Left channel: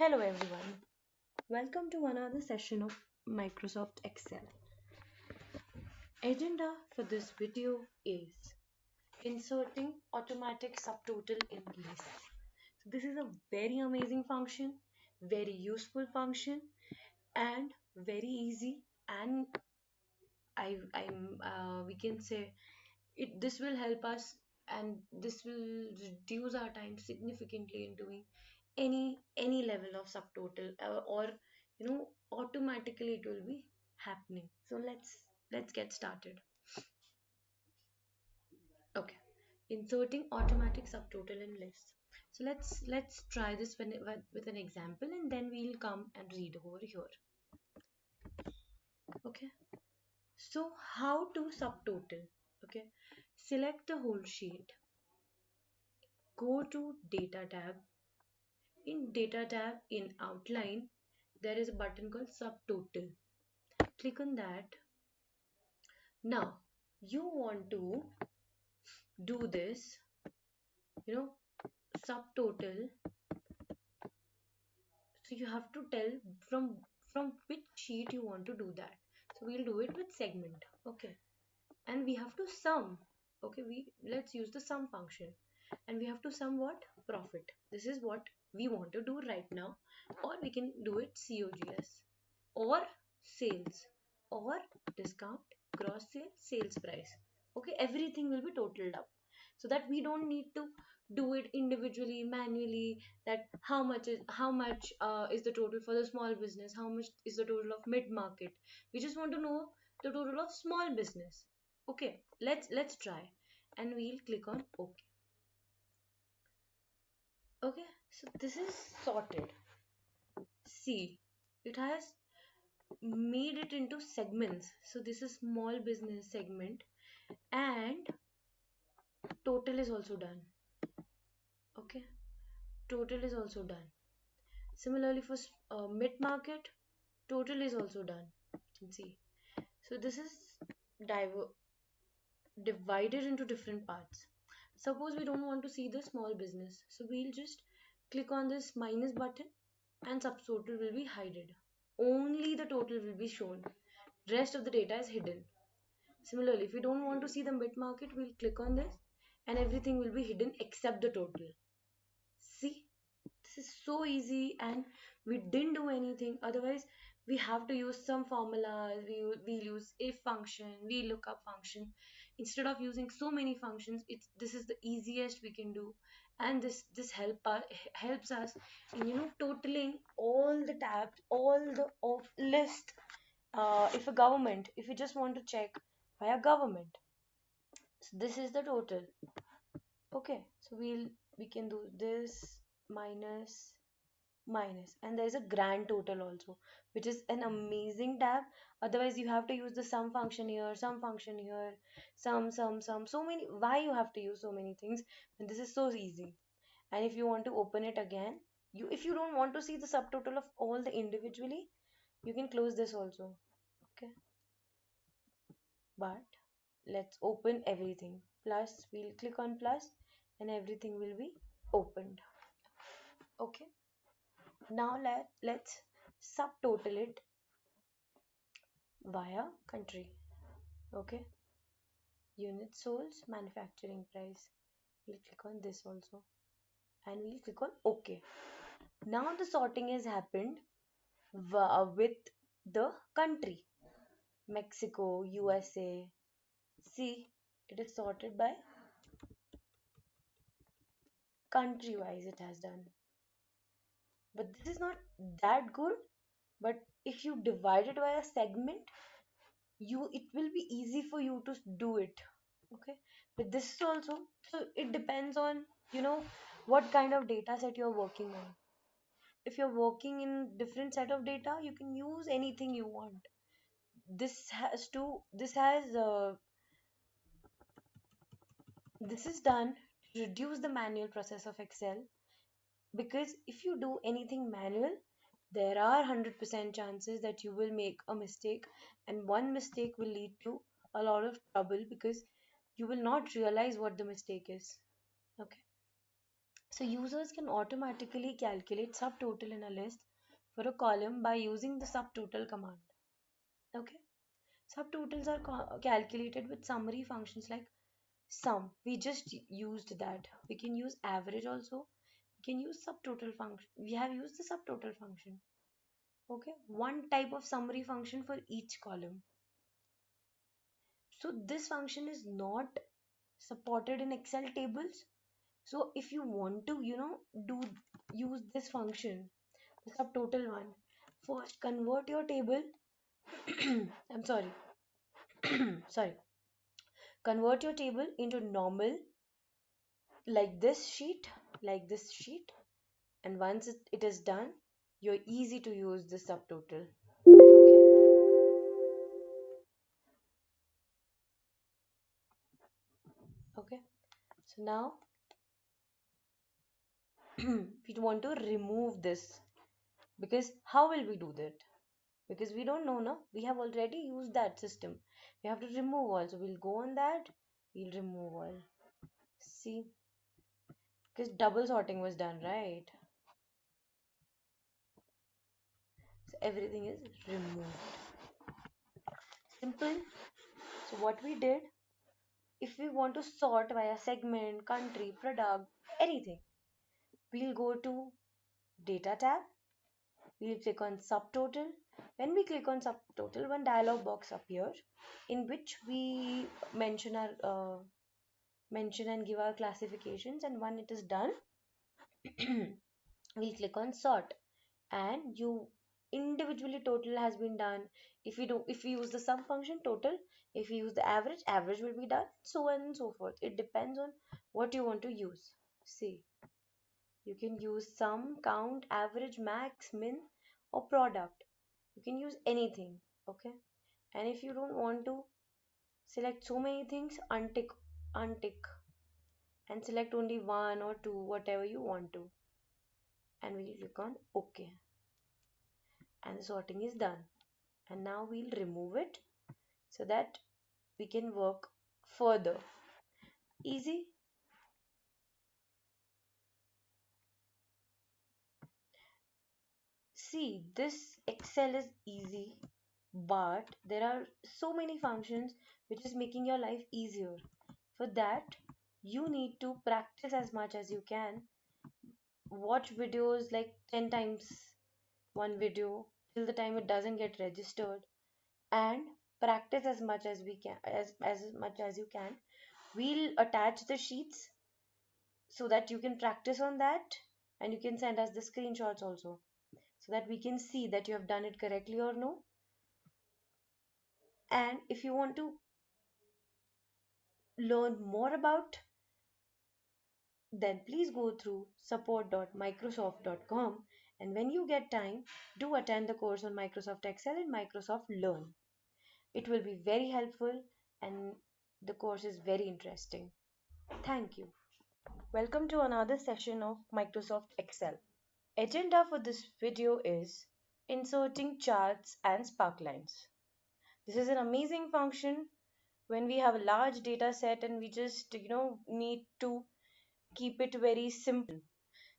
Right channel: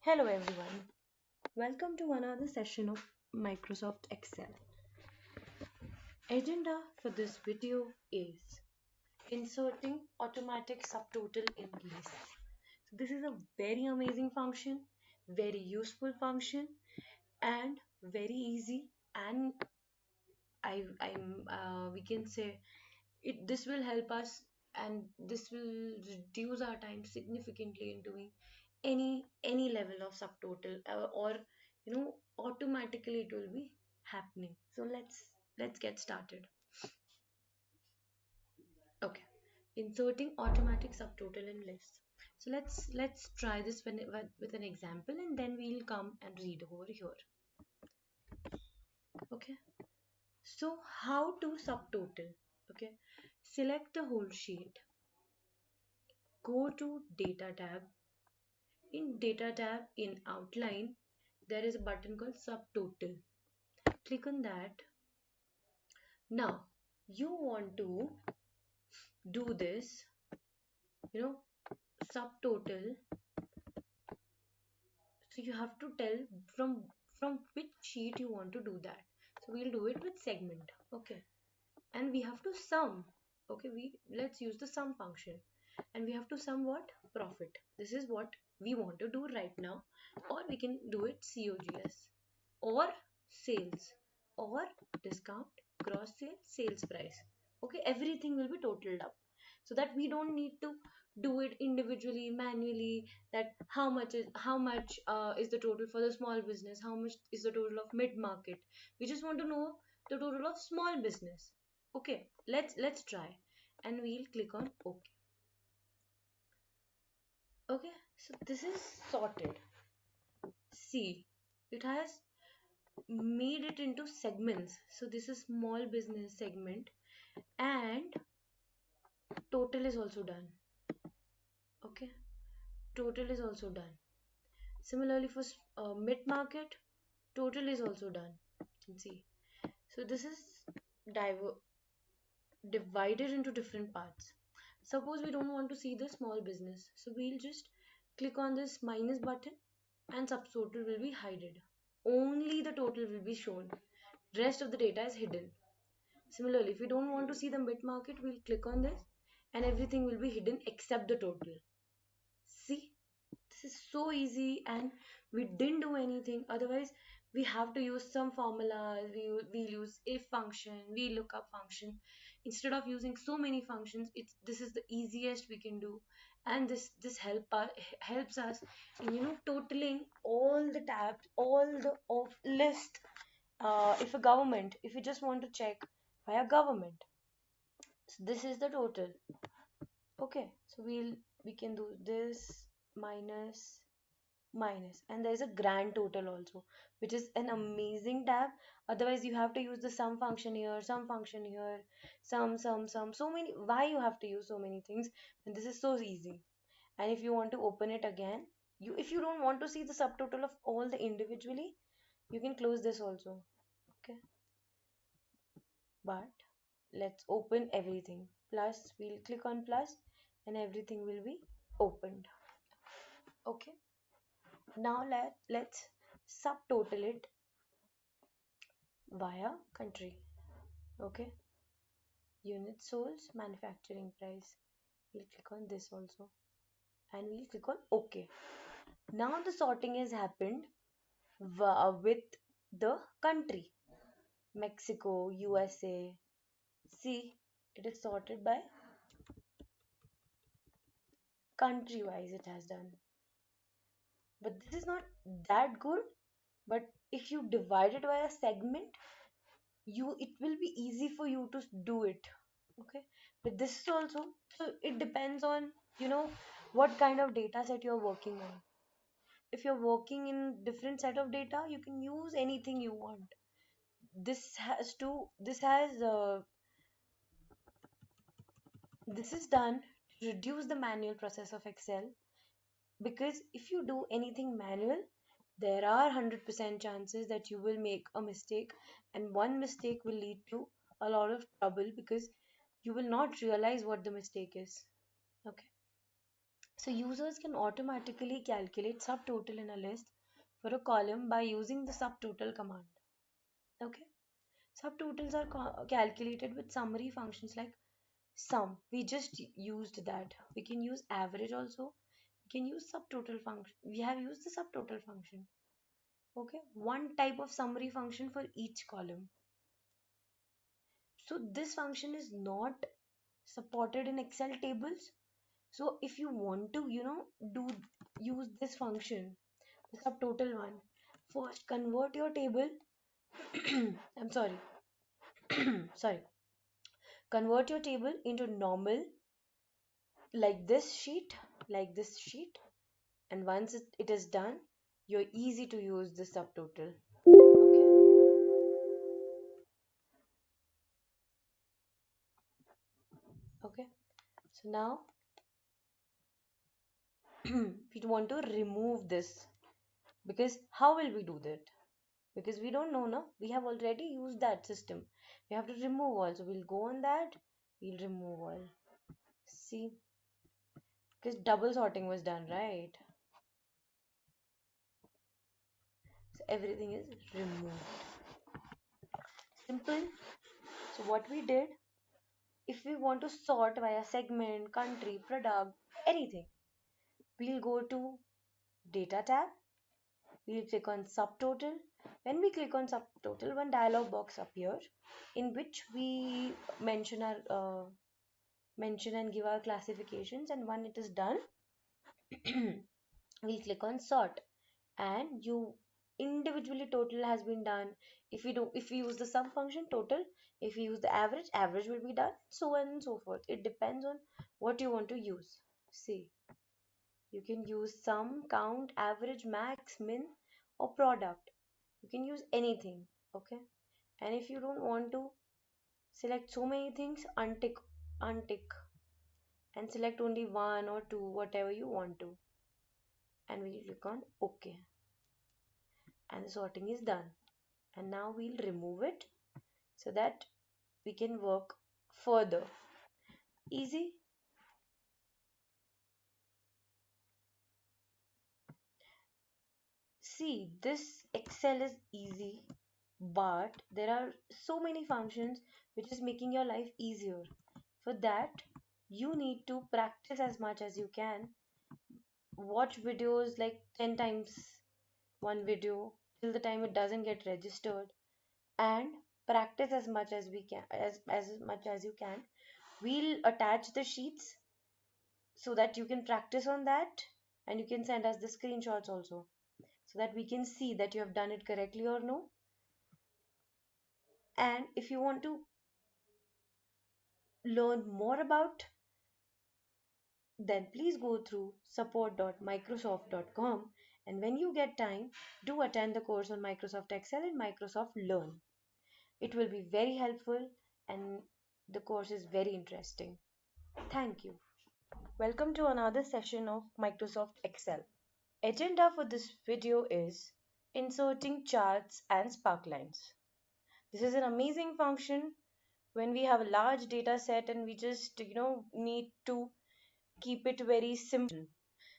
Hello everyone, welcome to another session of Microsoft Excel. Agenda for this video is inserting automatic subtotal in list. This is a very amazing function, very useful function, and very easy. And we can say this will help us, and this will reduce our time significantly in doing any level of subtotal, or automatically it will be happening. So let's get started. Okay, inserting automatic subtotal in list. So let's try this with an example, and then we'll come and read over here. Okay, so how to subtotal? Okay, select the whole sheet, go to data tab. In data tab in outline, there is a button called subtotal. Click on that. Now you want to do this, subtotal. So you have to tell from which sheet you want to do that. So we'll do it with segment. Okay. And we have to sum. Okay, let's use the sum function. And we have to sum what? Profit. This is what we want to do right now. Or we can do it COGS, or sales, or discount, gross sales price. Okay, everything will be totaled up, so that we don't need to do it individually, manually, that how much is the total for the small business, how much is the total of mid market. We just want to know the total of small business. Okay, let's try, and we'll click on OK. Okay, so this is sorted. See, it has made it into segments. So this is small business segment, and total is also done. Okay, total is also done. Similarly for mid market, total is also done. You can see. So this is divided into different parts. Suppose we don't want to see the small business, so we'll just click on this minus button, and subtotal will be hidden. Only the total will be shown. Rest of the data is hidden. Similarly, if we don't want to see the mid market, we'll click on this, and everything will be hidden except the total. See, this is so easy, and we didn't do anything. Otherwise, we have to use some formulas. We use if function, we lookup function. Instead of using so many functions, this is the easiest we can do, and this helps us in totaling all the tabs, all the of list. If you just want to check via government, so this is the total. Okay, so we can do this minus minus, and there's a grand total also, which is an amazing tab. Otherwise you have to use the sum function here, sum function here, sum, so many. Why you have to use so many things when this is so easy? And if you want to open it again, if you don't want to see the subtotal of all the individually, you can close this also. Okay, but let's open everything. Plus, we'll click on plus, and everything will be opened. Okay, now let's subtotal it via country. Okay, unit sold, manufacturing price. We'll click on this also, and we'll click on OK. Now the sorting has happened with the country: Mexico, USA. See, it is sorted by country wise, it has done. But this is not that good. But if you divide it by a segment, it will be easy for you to do it. Okay, but this also, so it depends on what kind of data set you're working on. If you're working in different set of data, you can use anything you want. This is done to reduce the manual process of Excel, because if you do anything manual, there are 100% chances that you will make a mistake, and one mistake will lead to a lot of trouble because you will not realize what the mistake is. Okay. So users can automatically calculate subtotal in a list for a column by using the subtotal command. Okay. Subtotals are calculated with summary functions like sum. We just used that. We can use average also. We can use subtotal function. We have used the subtotal function. Okay. One type of summary function for each column. So this function is not supported in Excel tables. So if you want to, do use this function, the subtotal one, first convert your table. I'm sorry. Sorry. Convert your table into normal, like this sheet, and once it is done, you're easy to use the subtotal. Okay. Okay. So now we want to remove this, because how will we do that? Because we don't know, no? We have already used that system. We have to remove all. So we'll go on that. We'll remove all. See, because double sorting was done, right? So everything is removed. Simple. So what we did, if we want to sort via segment, country, product, anything, we'll go to data tab. We'll click on subtotal. When we click on subtotal, one dialog box appears in which we mention and give our classifications, and when it is done, we'll click on sort, and you individually total has been done. If you use the sum function, total. If you use the average, average will be done, so on and so forth. It depends on what you want to use. See, you can use sum, count, average, max, min, or product. You can use anything. Okay. And if you don't want to select so many things, untick and select only one or two, whatever you want to, and we'll click on OK, and sorting is done. And now we'll remove it so that we can work further. Easy. See, this Excel is easy, but there are so many functions which is making your life easier. For that, you need to practice as much as you can. Watch videos like 10 times one video till the time it doesn't get registered, and practice as much as we can, as much as you can. We'll attach the sheets so that you can practice on that, and you can send us the screenshots also so that we can see that you have done it correctly or no. And if you want to learn more about, then please go through support.microsoft.com, and when you get time, do attend the course on Microsoft Excel and Microsoft Learn. It will be very helpful, and the course is very interesting. Thank you. Welcome to another session of Microsoft Excel. Agenda for this video is inserting charts and sparklines. This is an amazing function when we have large data set and we just need to keep it very simple,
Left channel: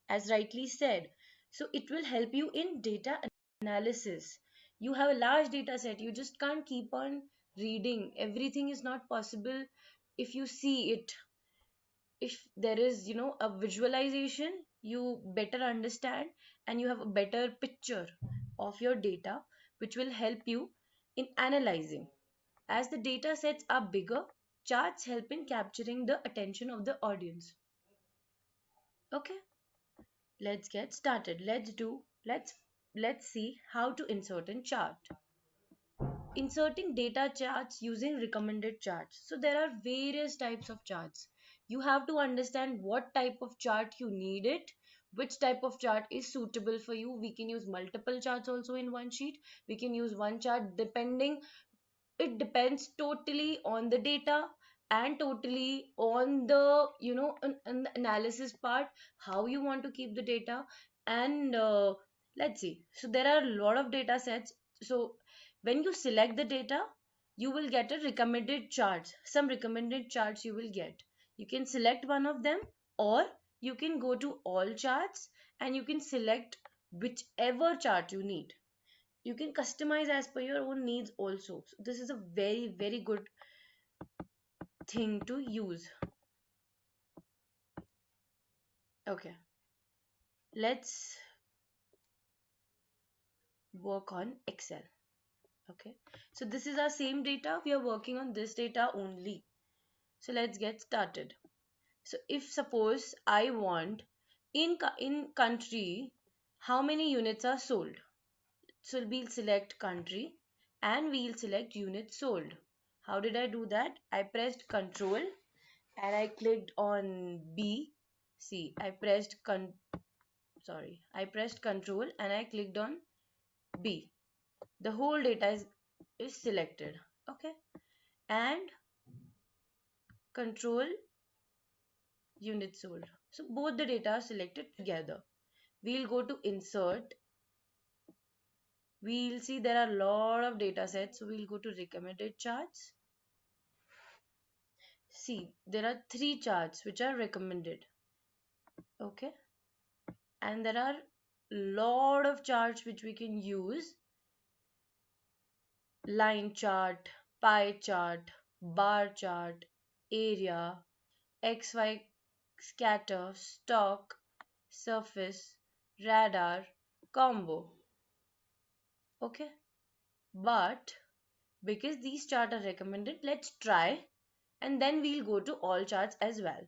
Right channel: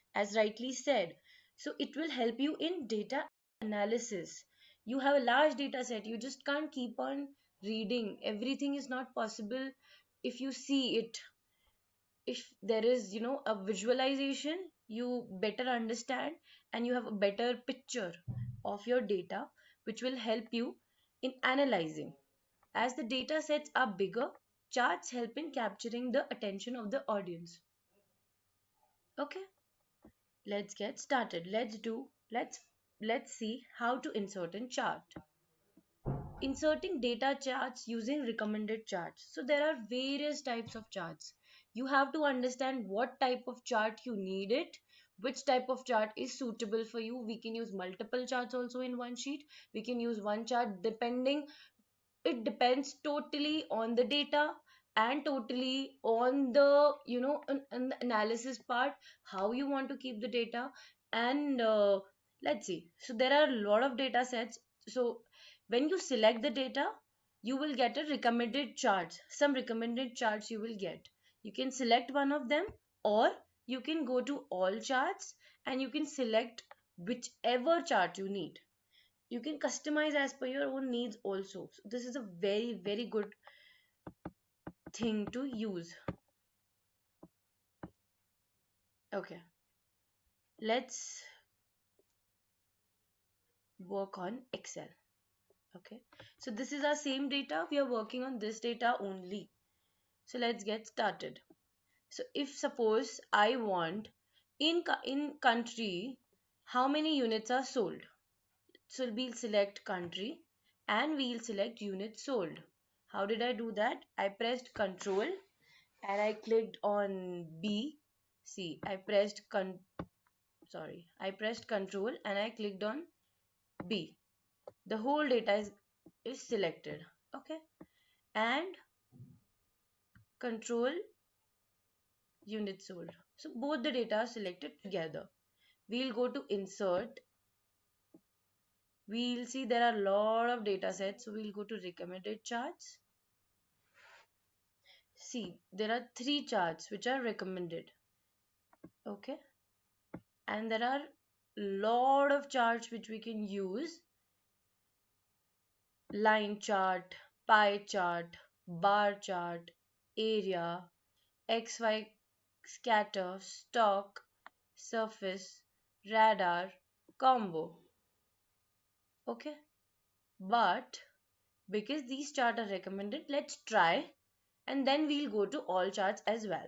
as rightly said. So it will help you in data analysis. You have a large data set, you just can't keep on reading. Everything is not possible. If you see it, if there is a visualization, you better understand, and you have a better picture of your data, which will help you in analyzing. As the data sets are bigger, charts help in capturing the attention of the audience. Okay, let's get started. Let's see how to insert a chart. Inserting data charts using recommended charts. So there are various types of charts. You have to understand what type of chart you need it, which type of chart is suitable for you. We can use multiple charts also in one sheet. We can use one chart depending. It depends totally on the data and totally on the on the analysis part, how you want to keep the data. And let's see, so there are a lot of data sets. So when you select the data, you will get a recommended charts. Some recommended charts you will get. You can select one of them, or you can go to all charts and you can select whichever chart you need. You can customize as per your own needs also. So this is a very, very good thing to use. Okay, let's work on Excel. Okay, so this is our same data. We are working on this data only. So let's get started. So if suppose I want in country how many units are sold. So we'll select country and we'll select units sold. How did I do that? I pressed control and I clicked on B. See, I pressed control and I clicked on B. The whole data is selected. Okay. And control units sold. So both the data are selected together. We'll go to insert. We'll see there are a lot of data sets. So we'll go to recommended charts. See, there are three charts which are recommended. Okay. And there are lot of charts which we can use. Line chart, pie chart, bar chart, area, XY scatter, stock, surface, radar, combo. Okay. But because these charts are recommended, let's try and then we'll go to all charts as well.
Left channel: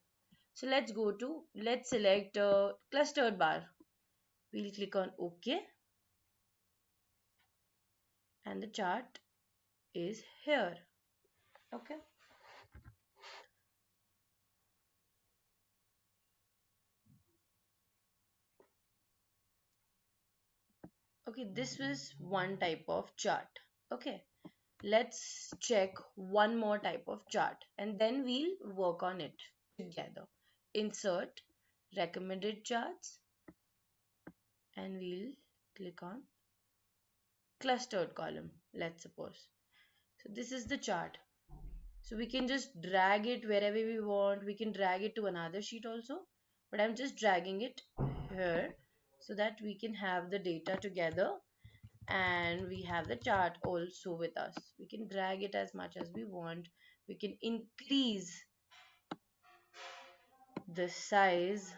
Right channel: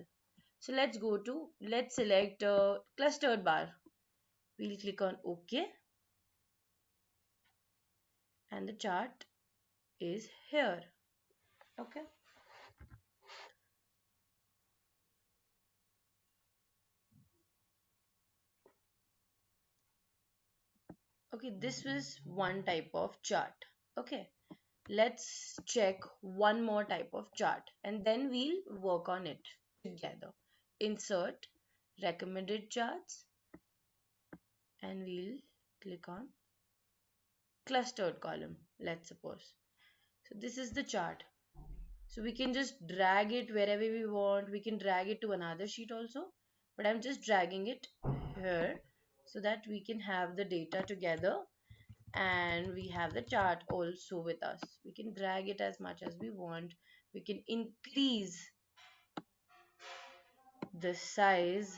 So let's select a clustered bar. We'll click on OK and the chart is here. Okay. Okay, this is one type of chart. Okay. Let's check one more type of chart and then we'll work on it together. Insert recommended charts and we'll click on clustered column, let's suppose. So this is the chart. So we can just drag it wherever we want. We can drag it to another sheet also. But I'm just dragging it here so that we can have the data together and we have the chart also with us. We can drag it as much as we want. We can increase the size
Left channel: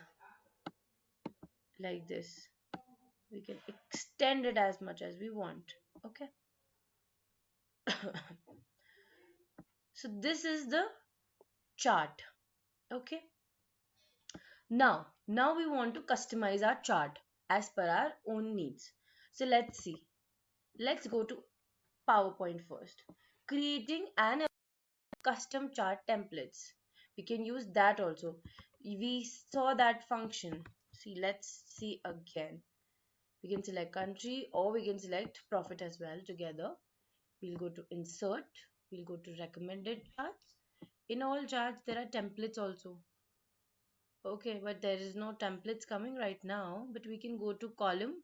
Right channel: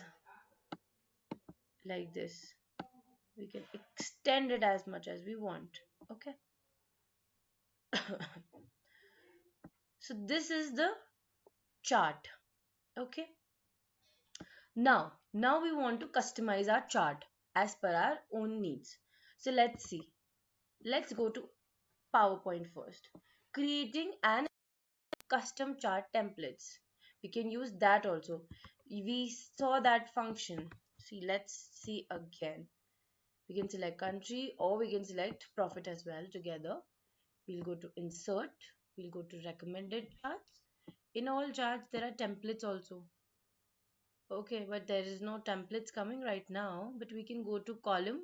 like this. We can extend it as much as we want. Okay. So this is the chart. Okay. Now we want to customize our chart as per our own needs. So let's see. Let's go to PowerPoint first. Creating an custom chart templates. We can use that also. We saw that function. See, let's see again. We can select country or we can select profit as well together. We'll go to insert. We'll go to recommended charts. In all charts, there are templates also. Okay, but there is no templates coming right now, but we can go to column.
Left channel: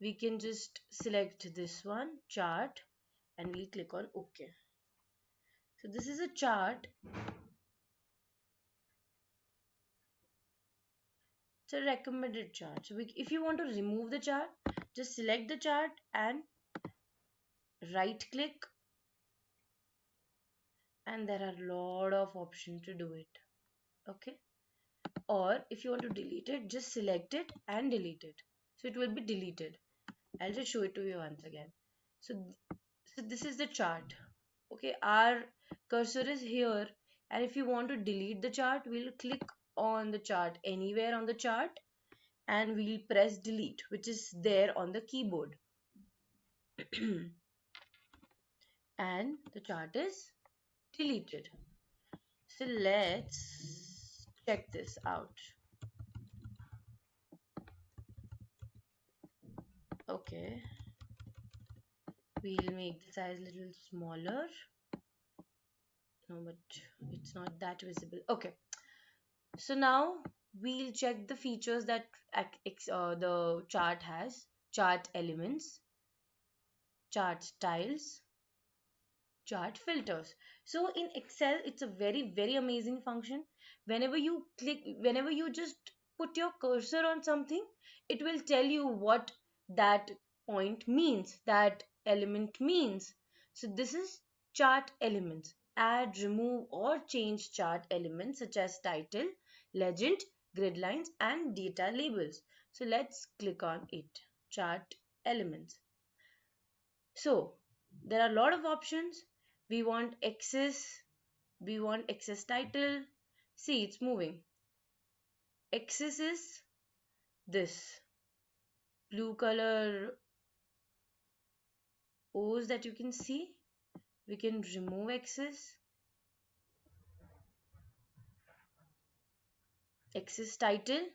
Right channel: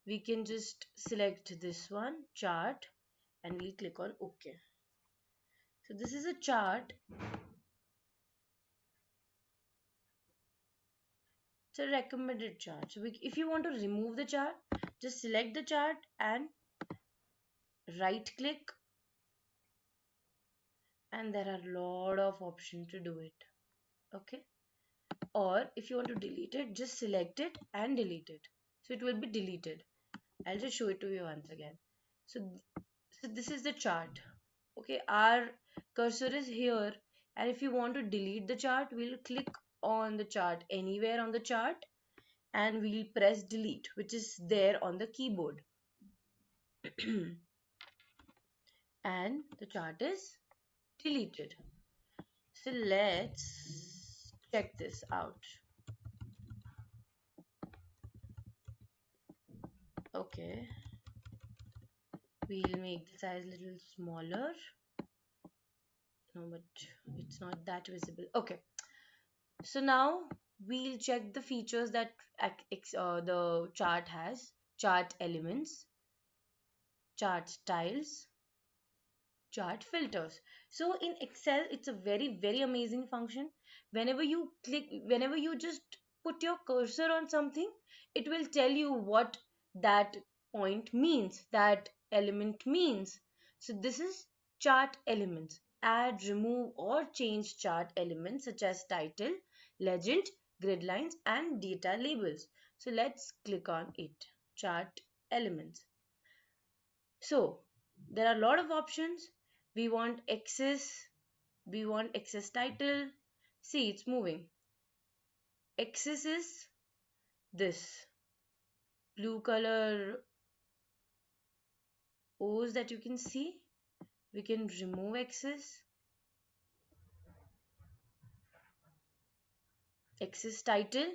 We can just select this one, chart, and we'll click on OK. So this is a chart. It's a recommended chart. So if you want to remove the chart, just select the chart and right click, and there are a lot of options to do it. Okay. Or if you want to delete it, just select it and delete it. So it will be deleted. I'll just show it to you once again. So this is the chart. Okay, our cursor is here, and if you want to delete the chart, we'll click on the chart anywhere on the chart and we'll press delete, which is there on the keyboard. And the chart is deleted. So let's check this out. Okay, we'll make the size a little smaller. No, but it's not that visible. Okay, so now we'll check the features that the chart has. Chart elements, chart styles, chart filters. So in Excel, it's a very, very amazing function. Whenever you just put your cursor on something, it will tell you what that point means, that element means. So this is chart elements. Add, remove or change chart elements such as title, legend, grid lines and data labels. So let's click on it. Chart elements. So there are a lot of options. We want axis, we want axis title. See, it's moving. Axis is this blue color O's that you can see. We can remove axis. Axis title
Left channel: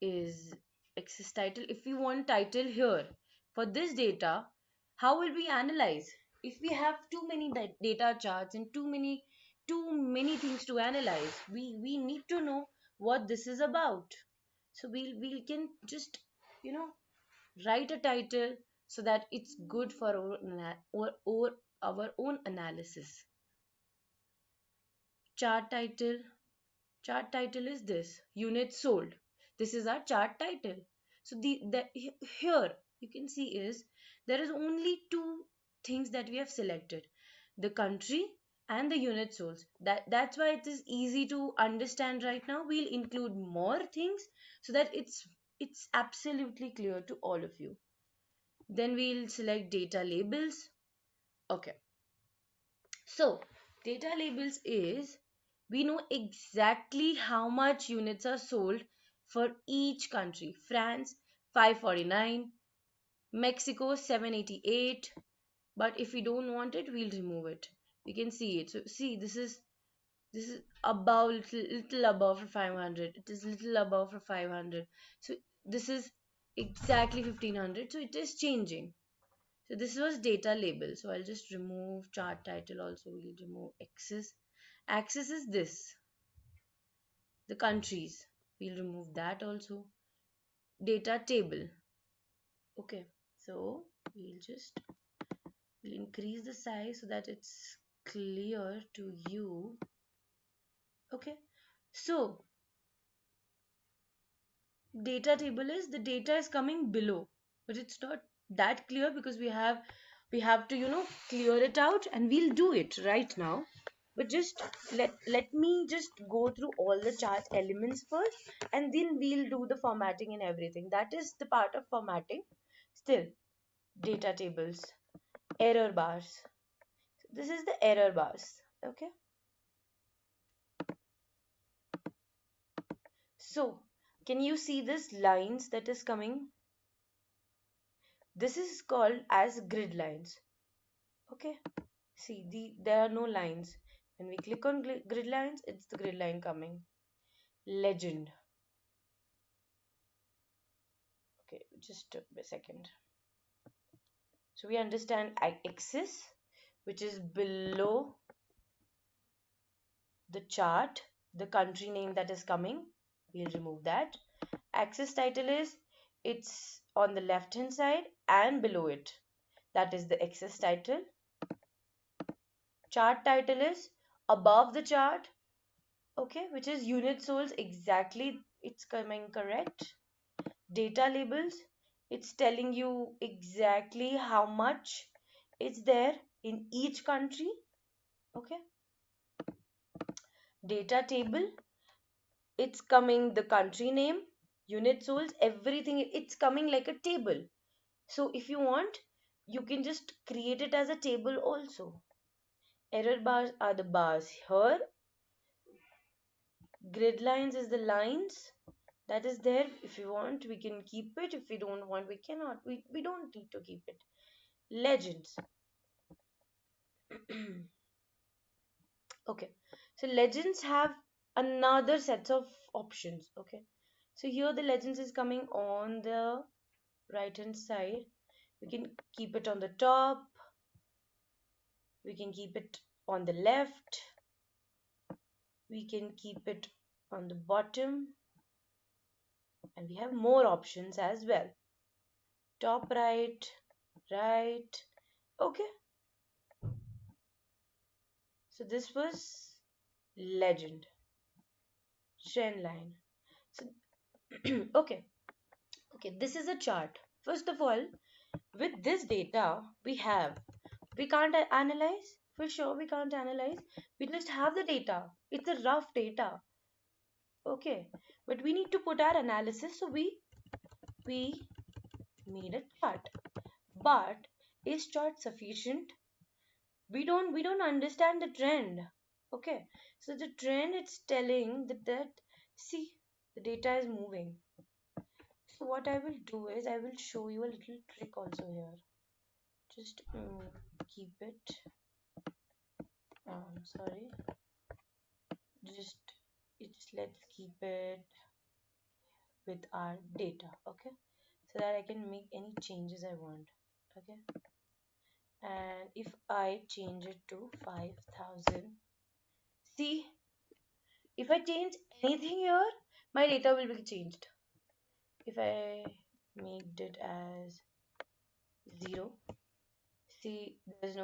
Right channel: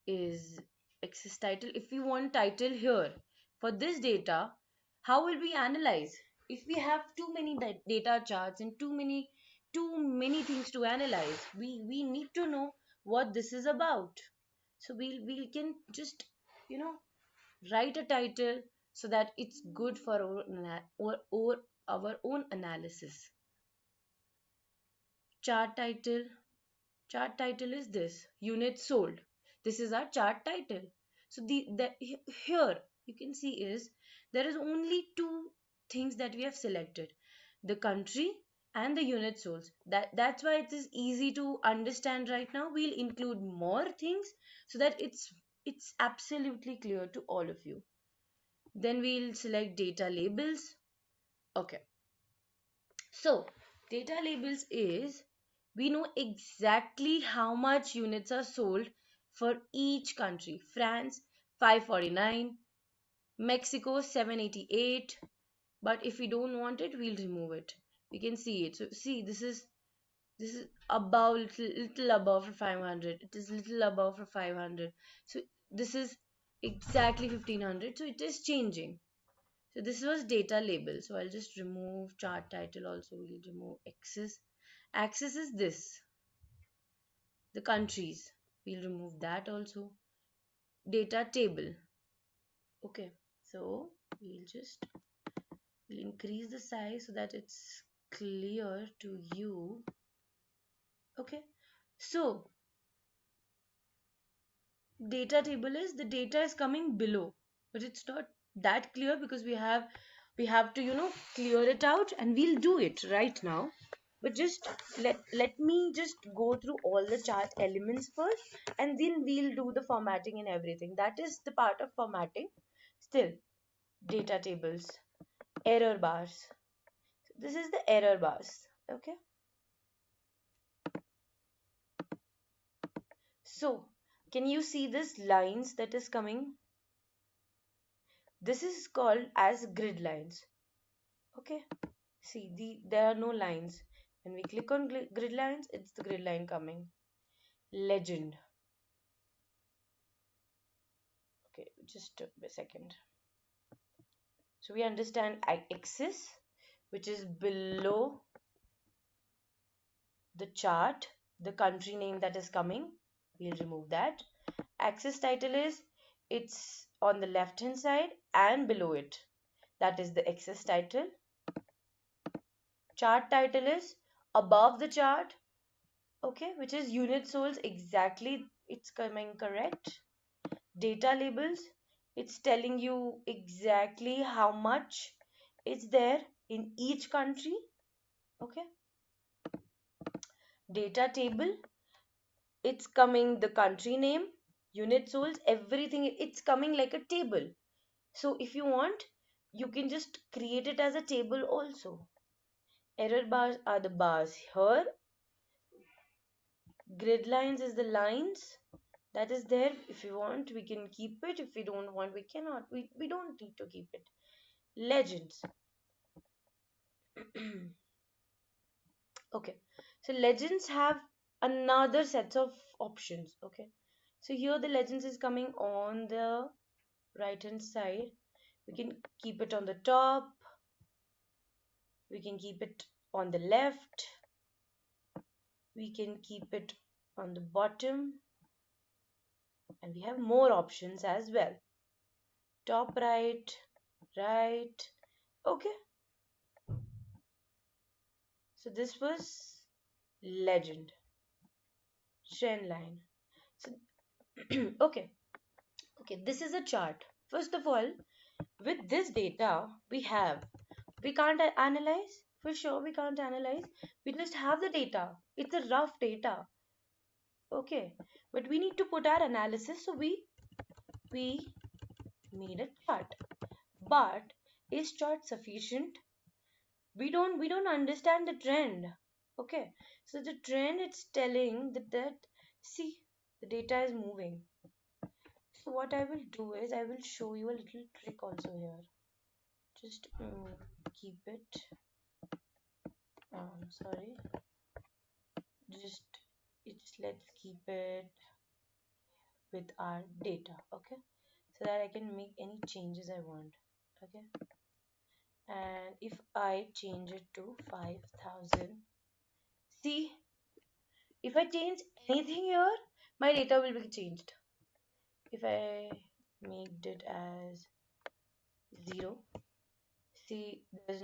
is axis title. If we want title here for this data, how will we analyze? If we have too many data charts and too many things to analyze, we need to know what this is about. So we can just you know write a title so that it's good for our own analysis. Chart title. Chart title is this, units sold. This is our chart title. So here you can see is there is only two things that we have selected, the country and the unit sold. That's why it is easy to understand right now. We'll include more things so that it's absolutely clear to all of you. Then we'll select data labels. Okay. So, data labels is we know exactly how much units are sold for each country. France 549, Mexico 788. But if we don't want it, we'll remove it. We can see it. So see, this is above little above for 500. It is little above for 500. So this is exactly 1500. So it is changing. So this was data label. So I'll just remove chart title also. We'll remove axis. Axis is this, the countries. We'll remove that also. Data table. Okay. So we'll increase the size so that it's clear to you. Okay. So data table is the data is coming below, but it's not that clear because we have to clear it out, and we'll do it right now. But just let me just go through all the chart elements first, and then we'll do the formatting and everything. That is the part of formatting. Still, data tables, error bars. This is the error bars. Okay. So, can you see this lines that is coming? This is called as grid lines. Okay. See, there are no lines. When we click on grid lines, it's the grid line coming. Legend. Okay, just a second. So we understand axis, which is below the chart, the country name that is coming. We'll remove that. Axis title is it's on the left hand side and below it. That is the axis title. Chart title is above the chart. Okay, which is unit sold exactly. It's coming correct. Data labels, it's telling you exactly how much is there in each country. Okay. Data table, it's coming the country name, unit sold, everything. It's coming like a table. So if you want, you can just create it as a table also. Error bars are the bars here. Grid lines is the lines that is there. If you want, we can keep it. If we don't want, we cannot. We don't need to keep it. Legends. Okay. So legends have another set of options. Okay. So here the legends is coming on the right hand side. We can keep it on the top. We can keep it on the left. We can keep it on the bottom. And we have more options as well. Top right, right. Okay. So this was legend, trend line. Okay, okay, this is a chart. First of all, with this data we can't analyze. For sure, we can't analyze. We just have the data. It's a rough data. Okay, but we need to put our analysis. So we made a chart. But is chart sufficient? We don't understand the trend. Okay, so the trend is telling that see, the data is moving. So what I will do is I will show you a little trick also here. Just keep it. Sorry. Just let's keep it with our data. Okay, so that I can make any changes I want. Okay, and if I change it to 5,000, see, if I change anything here, my data will be changed. If I made it as 0, see, there's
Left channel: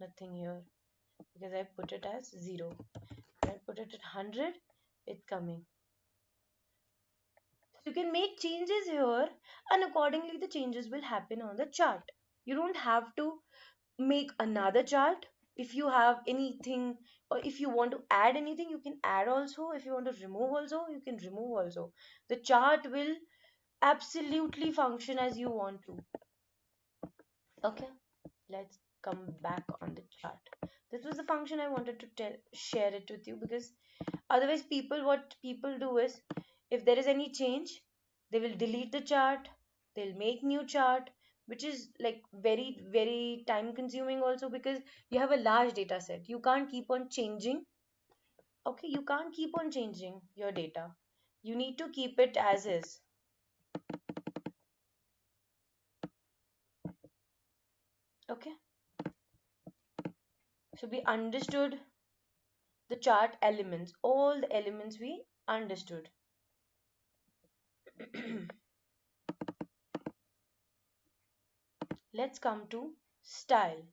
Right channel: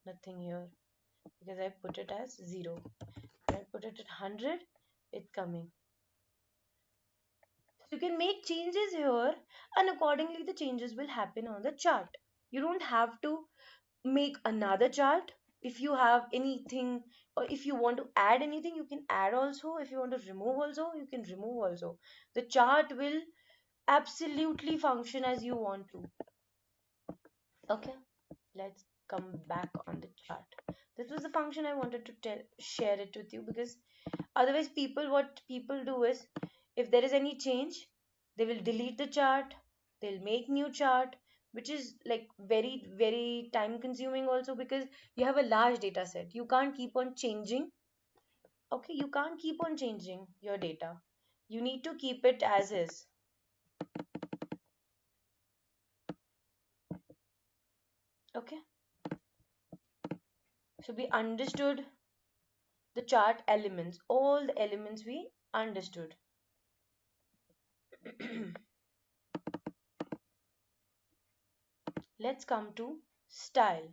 nothing here because I put it as 0. If I put it at 100, it's coming. So you can make changes here, and accordingly the changes will happen on the chart. You don't have to make another chart. If you have anything, or if you want to add anything, you can add also. If you want to remove also, you can remove also. The chart will absolutely function as you want to. Okay, let's come back on the chart. This was the function I wanted to share it with you, because otherwise what people do is, if there is any change, they will delete the chart, they'll make new chart, which is like very very time consuming also, because you have a large data set. You can't keep on changing. Okay, you can't keep on changing your data. You need to keep it as is. Okay, so we understood the chart elements, all the elements we understood. Let's come to style.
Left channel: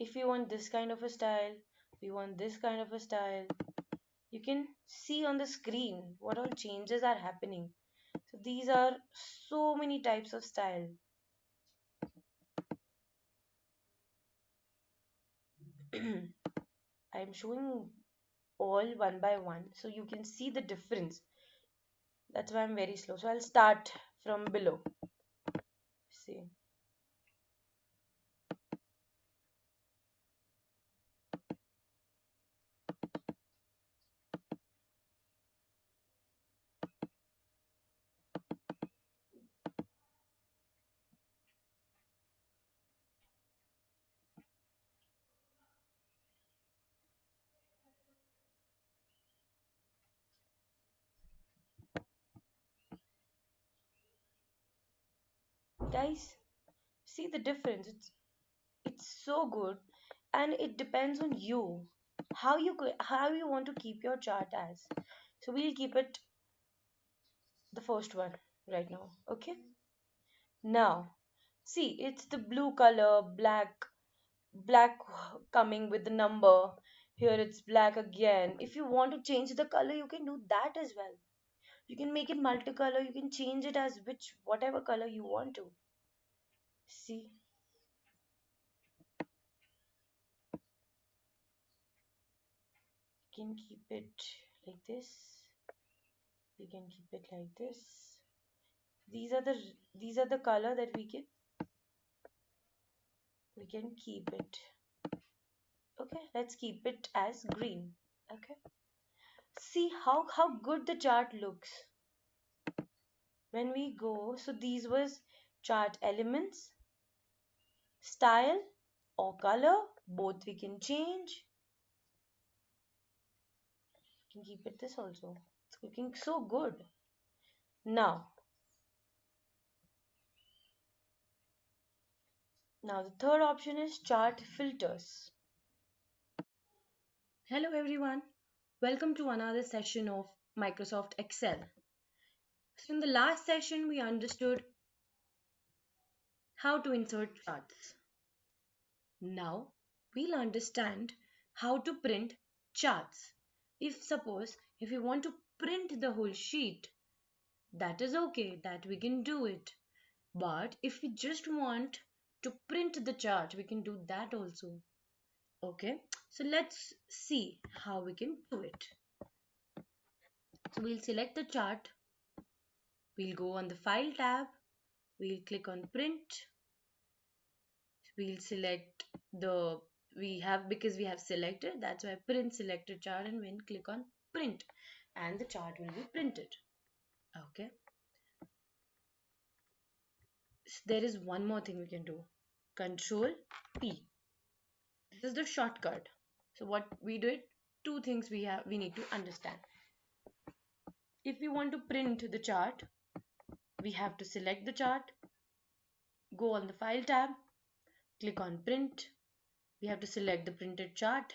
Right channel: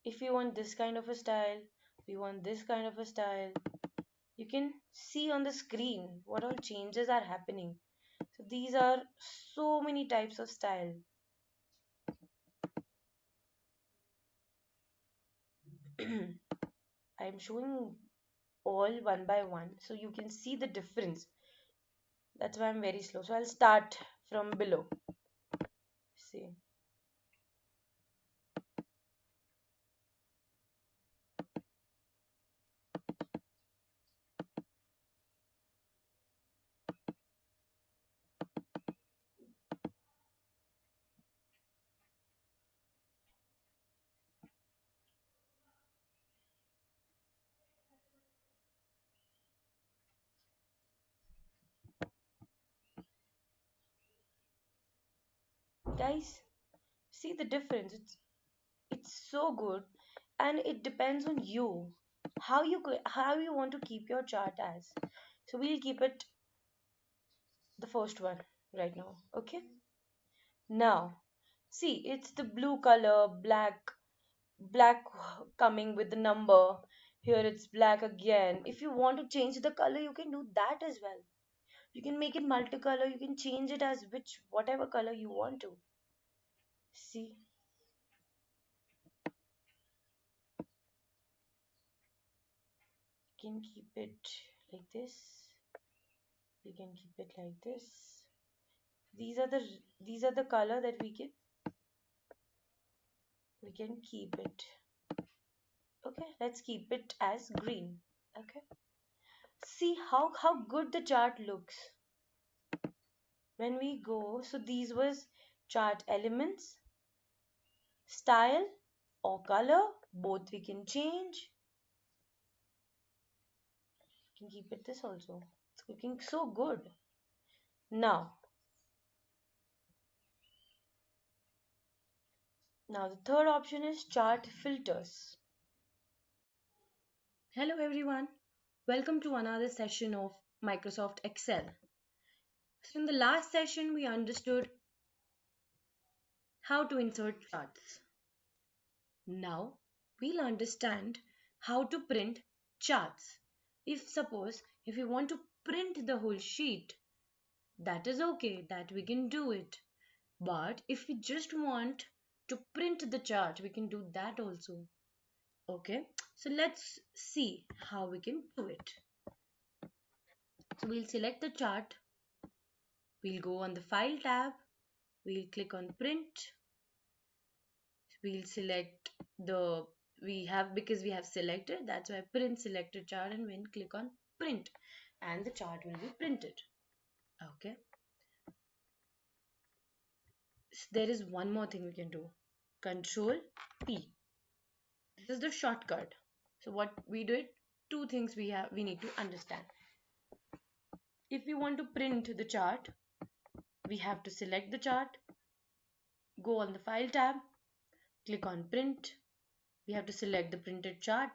If you want this kind of a style, you want this kind of a style, you can see on the screen what all changes are happening. So these are so many types of style. I am showing all one by one so you can see the difference. That's why I'm very slow. So I'll start from below. See. Guys, see the difference. It's so good, and it depends on you. How you want to keep your chart as. So we'll keep it the first one right now. Okay? Now, see, it's the blue color, black coming with the number. Here it's black again. If you want to change the color, you can do that as well. You can make it multicolor. You can change it as whatever color you want to. See, you can keep it like this. You can keep it like this. These are the color that we can keep it. Okay, let's keep it as green. Okay. See how good the chart looks when we go. So these was chart elements, style or color, both we can change. You can keep it this also. It's looking so good. Now the third option is chart filters. Hello everyone, welcome to another session of Microsoft Excel. So in the last session we understood how to insert charts. Now we'll understand how to print charts. If suppose if you want to print the whole sheet, that is okay, that we can do it. But if we just want to print the chart, we can do that also. Okay, so let's see how we can do it. So we'll select the chart, we'll go on the file tab, we'll click on print, we'll select the we have because we have selected, that's why print selected chart, and we'll click on print and the chart will be printed. Okay, so there is one more thing we can do. Control P. This is the shortcut. So what we did, two things we need to understand. If we want to print the chart, we have to select the chart, go on the file tab, click on print. We have to select the printed chart.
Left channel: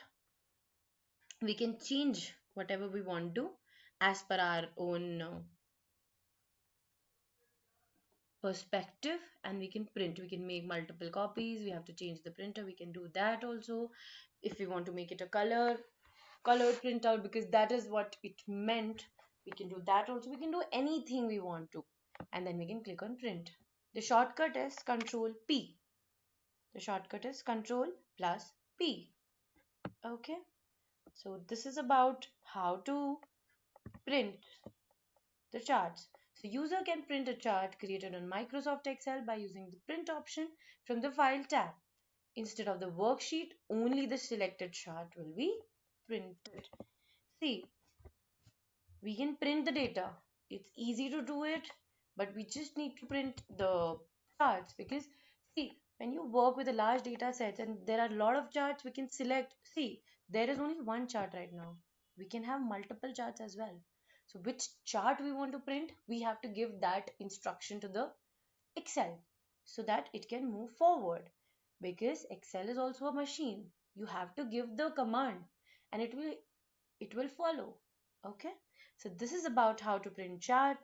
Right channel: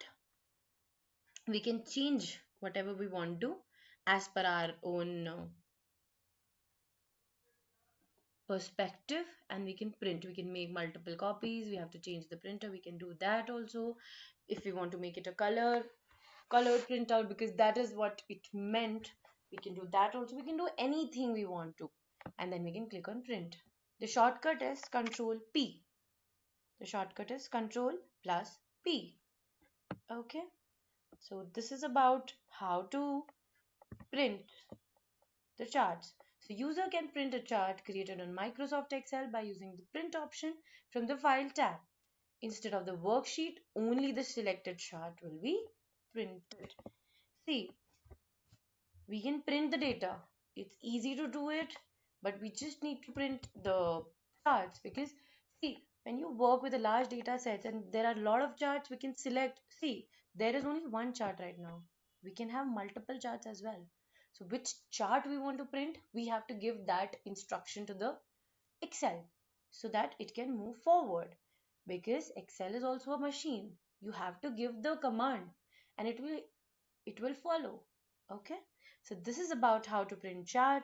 We can change whatever we want to as per our own perspective, and we can print. We can make multiple copies. We have to change the printer. We can do that also. If we want to make it a color printout, because that is what it meant, we can do that also. We can do anything we want to, and then we can click on print. The shortcut is Control P. The shortcut is Control plus P. Okay, so this is about how to print the charts. So user can print a chart created on Microsoft Excel by using the print option from the file tab. Instead of the worksheet, only the selected chart will be printed. See, we can print the data. It's easy to do it, but we just need to print the charts, because see, when you work with a large data sets and there are a lot of charts we can select. See, there is only one chart right now. We can have multiple charts as well. So which chart we want to print, we have to give that instruction to the Excel so that it can move forward, because Excel is also a machine. You have to give the command and it will follow. Okay, so this is about how to print chart.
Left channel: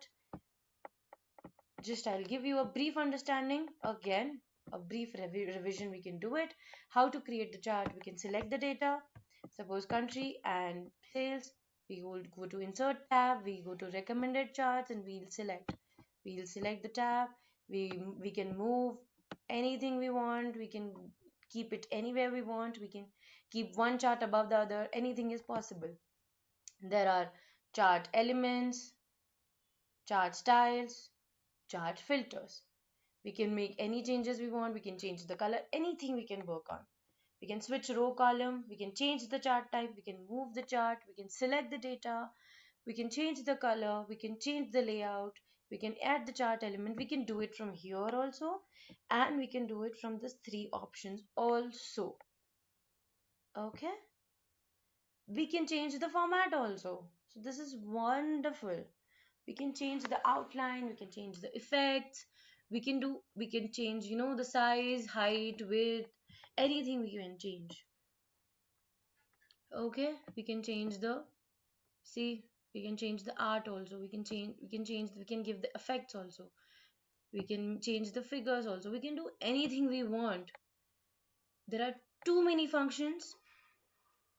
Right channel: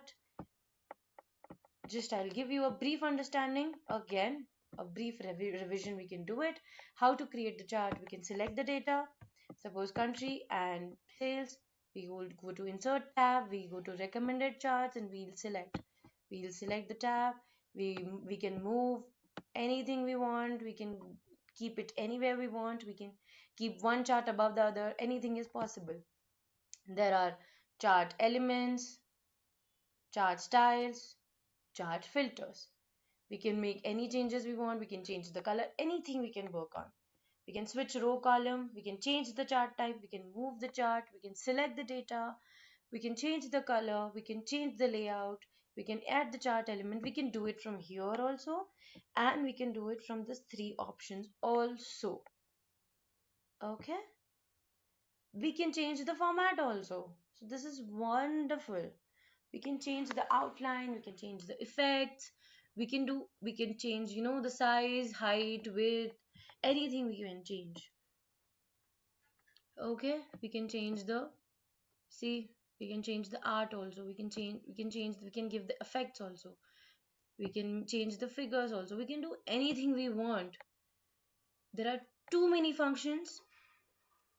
Just I'll give you a brief understanding again, a brief revision. We can do it. How to create the chart, we can select the data, suppose country and sales. We will go to insert tab, we go to recommended charts, and we'll select the tab. We can move anything we want, we can keep it anywhere we want, we can keep one chart above the other, anything is possible. There are chart elements, chart styles, chart filters. We can make any changes we want, we can change the color, anything we can work on. We can switch row column, we can change the chart type, we can move the chart, we can select the data, we can change the color, we can change the layout, we can add the chart element, we can do it from here also, and we can do it from these three options also. Okay? We can change the format also. So this is wonderful. We can change the outline, we can change the effects, we can change, the size, height, width, anything we can change. Okay, see, we can change the art also, we can give the effects also, we can change the figures also, we can do anything we want. There are too many functions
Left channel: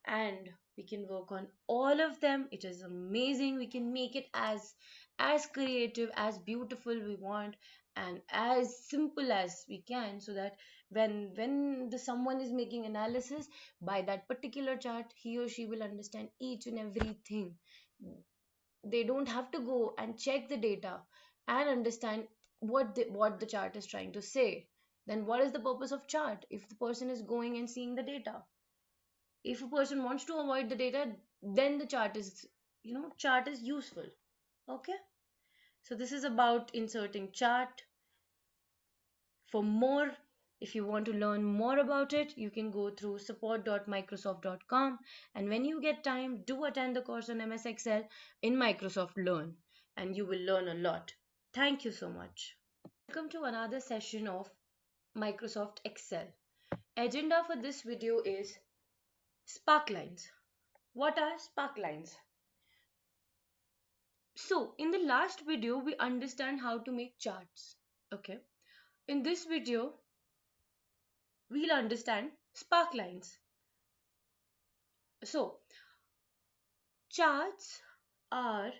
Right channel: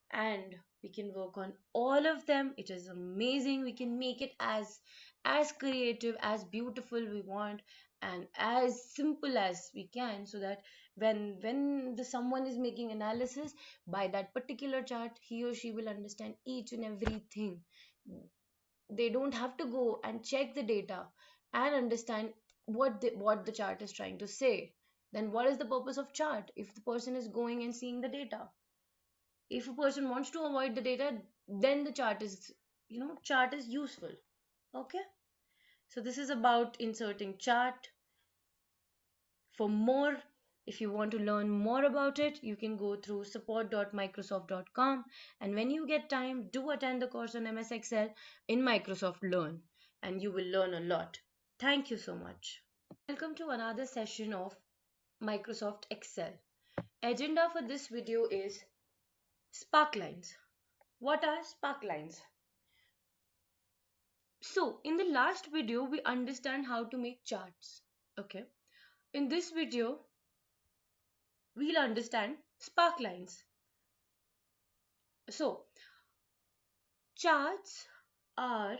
and we can work on all of them. It is amazing. We can make it as creative, as beautiful we want, and as simple as we can, so that someone is making analysis by that particular chart, he or she will understand each and everything. They don't have to go and check the data and understand what the chart is trying to say. Then what is the purpose of chart if the person is going and seeing the data? If a person wants to avoid the data, then the chart is useful. Okay, so this is about inserting chart. For more, if you want to learn more about it, you can go through support.microsoft.com, and when you get time, do attend the course on MS Excel in Microsoft Learn, and you will learn a lot. Thank you so much. Welcome to another session of Microsoft Excel. Agenda for this video is SPARKLINES. What are SPARKLINES? So, in the last video, we understand how to make charts. Okay. In this video, we'll understand SPARKLINES. So, charts are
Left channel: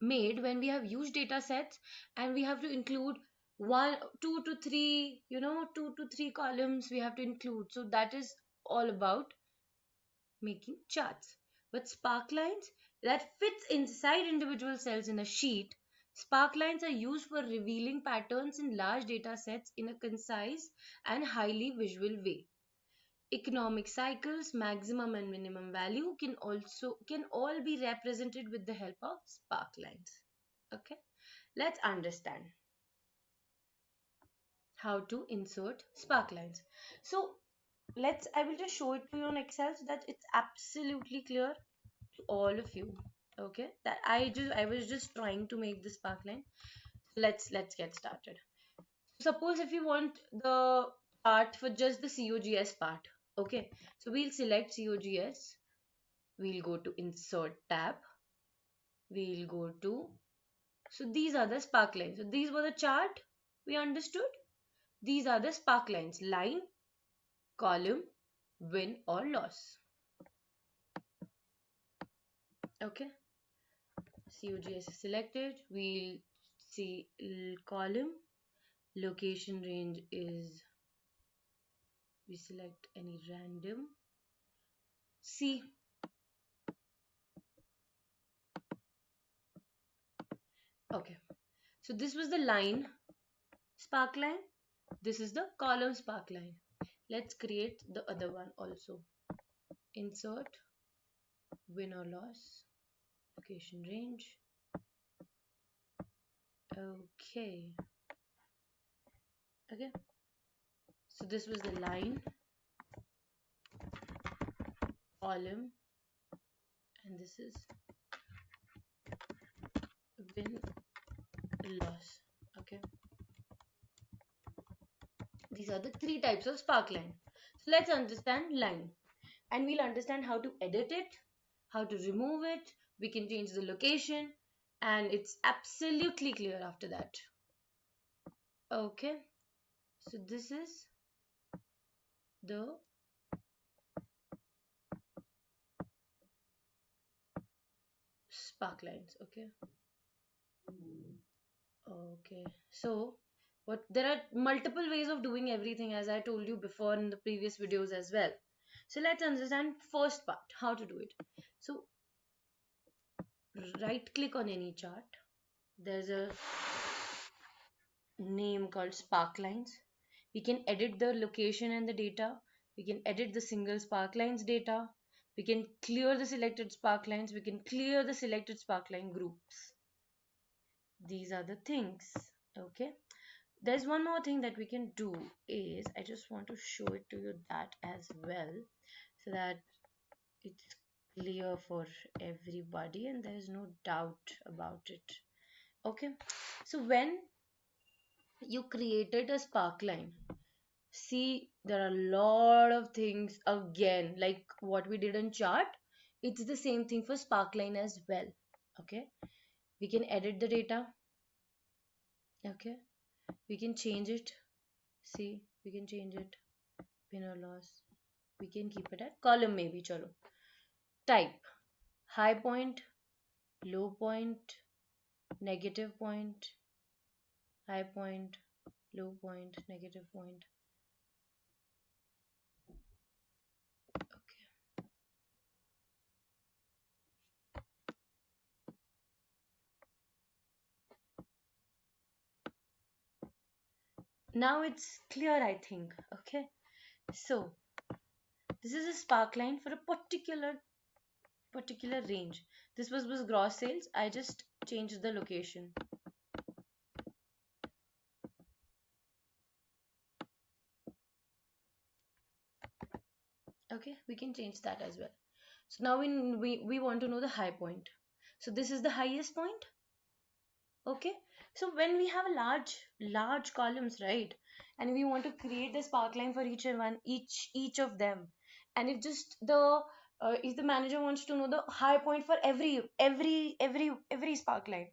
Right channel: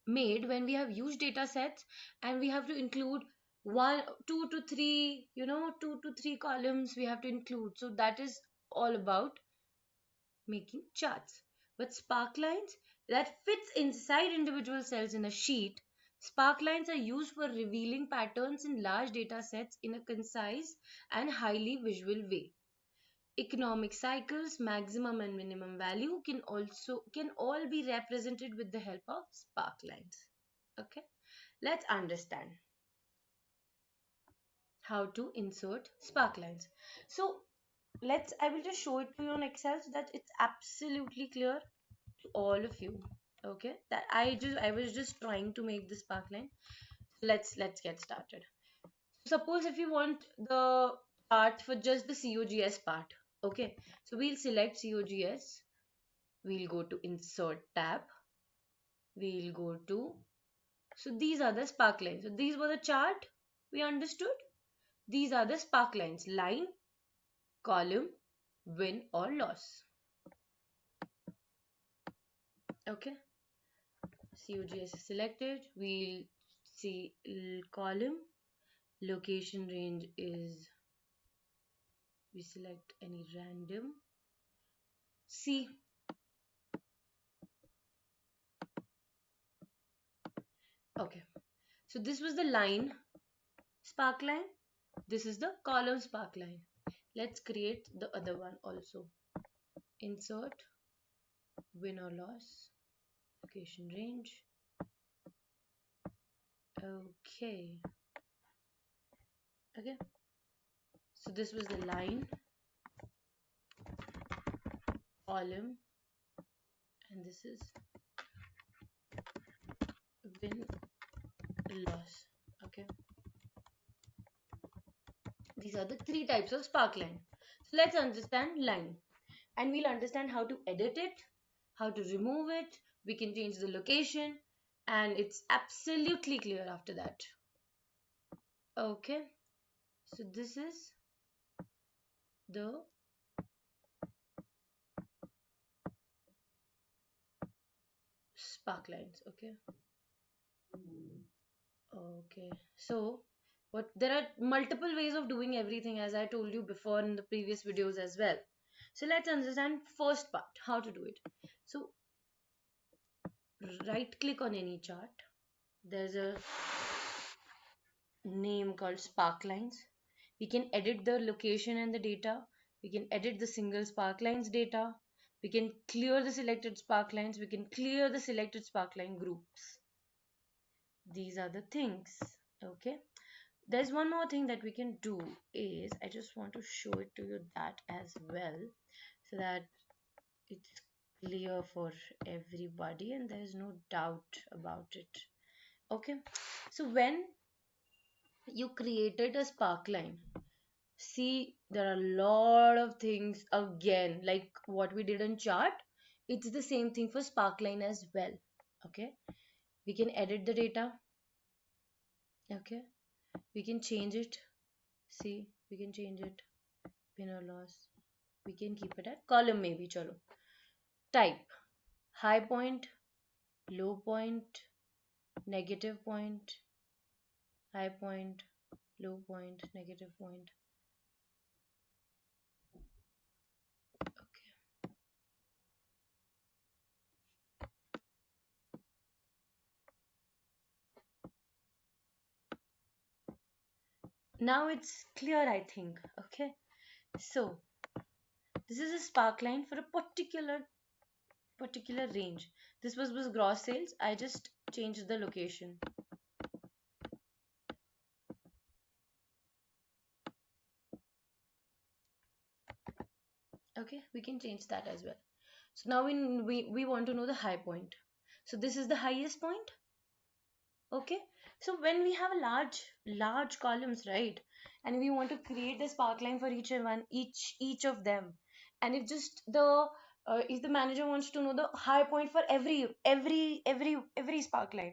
made when we have huge data sets and we have to include one, two to three, 2 to 3 columns we have to include. So that is all about making charts. But sparklines that fits inside individual cells in a sheet, sparklines are used for revealing patterns in large data sets in a concise and highly visual way. Economic cycles, maximum and minimum value can all be represented with the help of sparklines. Okay, let's understand how to insert sparklines. So I will just show it to you on Excel so that it's absolutely clear to all of you. Okay, that I was just trying to make this sparkline. Let's get started. Suppose if you want the part for just the COGS part. Okay, so we'll select COGS. We'll go to insert tab. We'll go to, so these are the sparklines. So these were the chart we understood. These are the sparklines: line, column, win or loss. Okay, COGS is selected. We'll see column. Location range is, we select any random. C. Okay, so this was the line sparkline. This is the column sparkline. Let's create the other one also. Insert, win or loss, location range. Okay. Okay. So this was the line, column, and this is win loss. Okay. These are the three types of sparkline. So let's understand line. And we'll understand how to edit it, how to remove it, we can change the location, and it's absolutely clear after that. Okay, so this is the sparklines. Okay, okay, so what, there are multiple ways of doing everything, as I told you before in the previous videos as well. So let's understand first part, how to do it. So right click on any chart, there's a name called sparklines. We can edit the location and the data. We can edit the single sparklines data. We can clear the selected sparklines. We can clear the selected sparkline groups. These are the things. Okay. There's one more thing that we can do is, I just want to show it to you that as well, so that it's clear for everybody and there is no doubt about it. Okay. So when you created a sparkline, see, there are a lot of things again, like what we did in chart. It's the same thing for sparkline as well. Okay, we can edit the data. Okay, we can change it. See, we can change it. Win or loss. We can keep it at column maybe. Chalo. Type: high point, low point, negative point, high point, low point, negative point. Now it's clear, I think. Okay, so this is a sparkline for a particular range. This was gross sales. I just changed the location. Okay, we can change that as well. So now we want to know the high point. So this is the highest point. Okay, so when we have large columns, right, and we want to create a sparkline for each of them, and it just the if the manager wants to know the high point for every sparkline,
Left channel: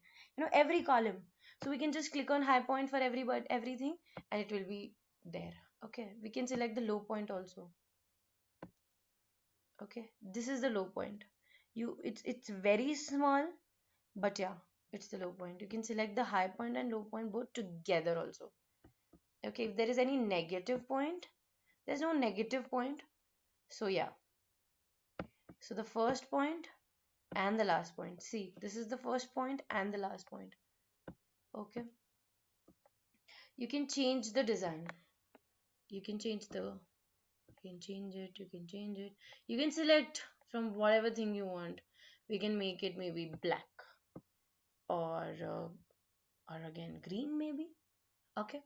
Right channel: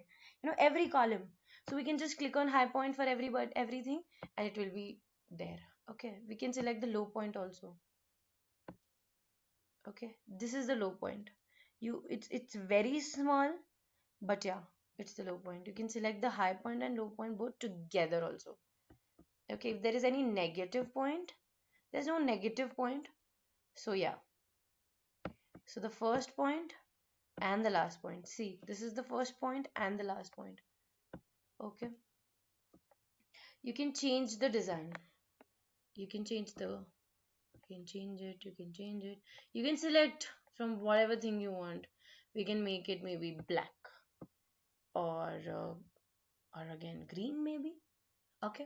every column, so we can just click on high point for everything, and it will be there. Okay, we can select the low point also. Okay, this is the low point. It's very small, but yeah, it's the low point. You can select the high point and low point both together also. Okay, if there is any negative point, there's no negative point. So yeah. So the first point and the last point. See, this is the first point and the last point. Okay. You can change the design. You can change the, you can change it, you can change it. You can select from whatever thing you want. We can make it maybe black or again green maybe. Okay.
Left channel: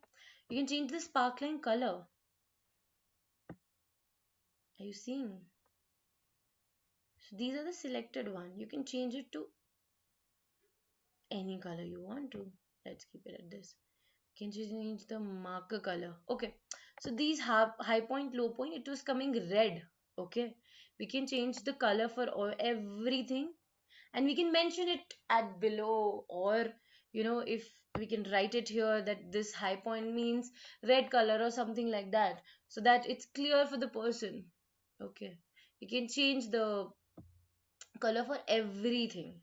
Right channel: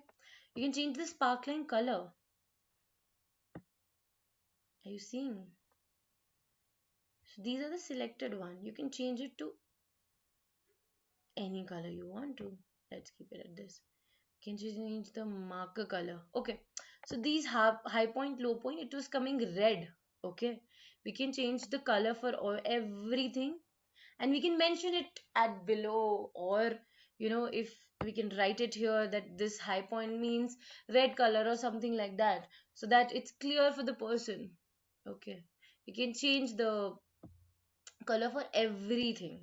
You can change the sparkling color. Are you seeing? So these are the selected one. You can change it to any color you want to. Let's keep it at this. Can you change the marker color? Okay. So these high point, low point, it was coming red. Okay. We can change the color for everything, and we can mention it at below, or if we can write it here that this high point means red color or something like that, so that it's clear for the person. Okay. You can change the color for everything.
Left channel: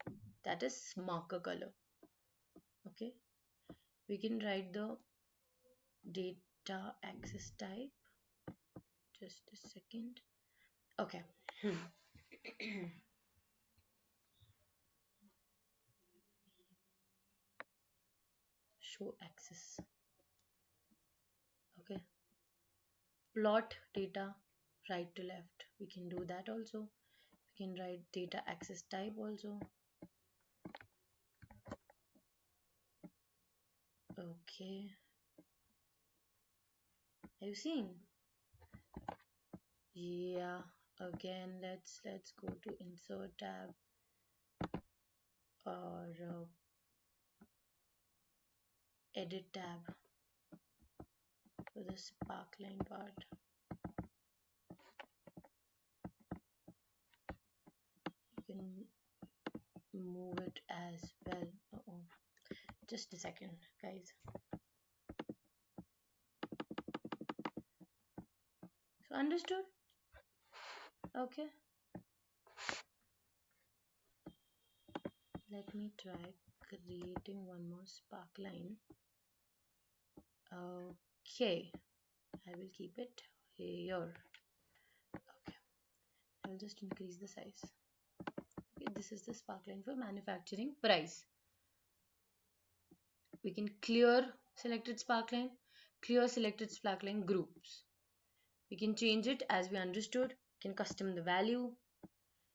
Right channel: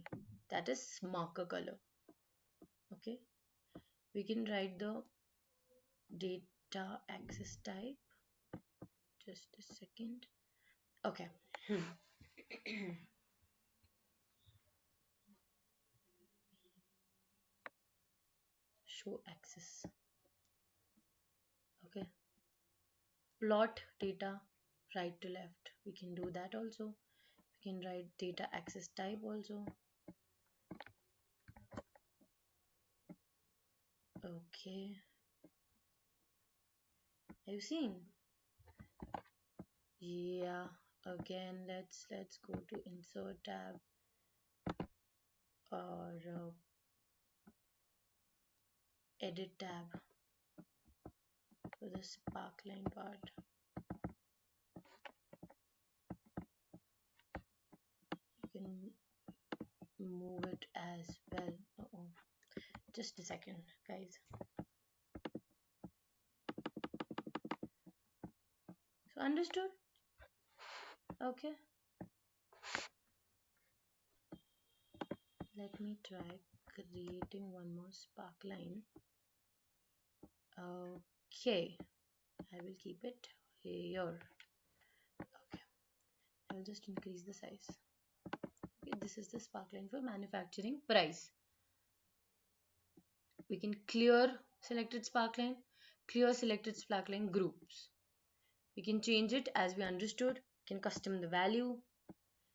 That is marker color. Okay. We can write the data access type. Just a second. Okay. Show access. Okay. Plot data right to left. We can do that also. We can write data access type also. Okay. Have you seen? Yeah. Again, let's go to insert tab or edit tab for the sparkline part. You can move it as well. Oh, just a second, guys. So understood? Okay. Let me try creating one more sparkline. Okay. I will keep it here. Okay. I will just increase the size. Okay, this is the sparkline for manufacturing price. We can clear selected sparkline, clear selected sparkline groups. We can change it as we understood, can custom the value,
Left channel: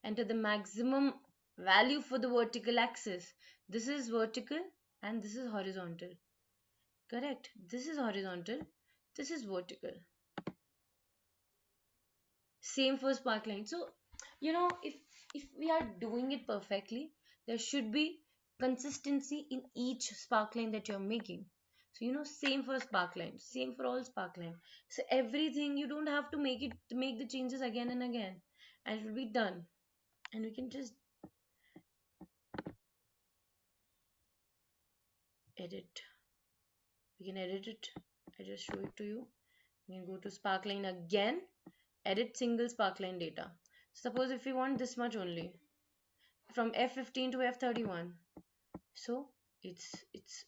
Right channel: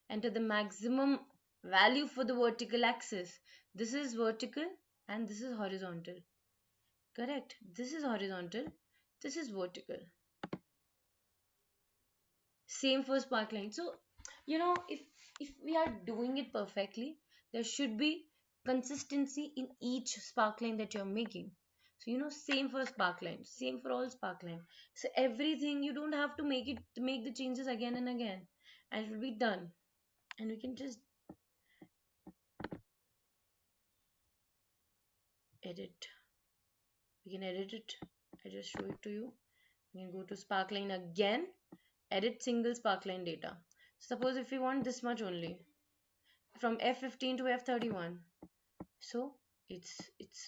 enter the maximum value for the vertical axis. This is vertical and this is horizontal. Correct. This is horizontal, this is vertical. Same for sparkline. So, if we are doing it perfectly, there should be consistency in each sparkline that you're making. So, same for sparkline, same for all sparkline. So everything, you don't have to make the changes again and again, and it will be done. And we can just edit. We can edit it. I just show it to you. We can go to sparkling again, edit single sparkline data. Suppose if you want this much only, from F15 to F31. So it's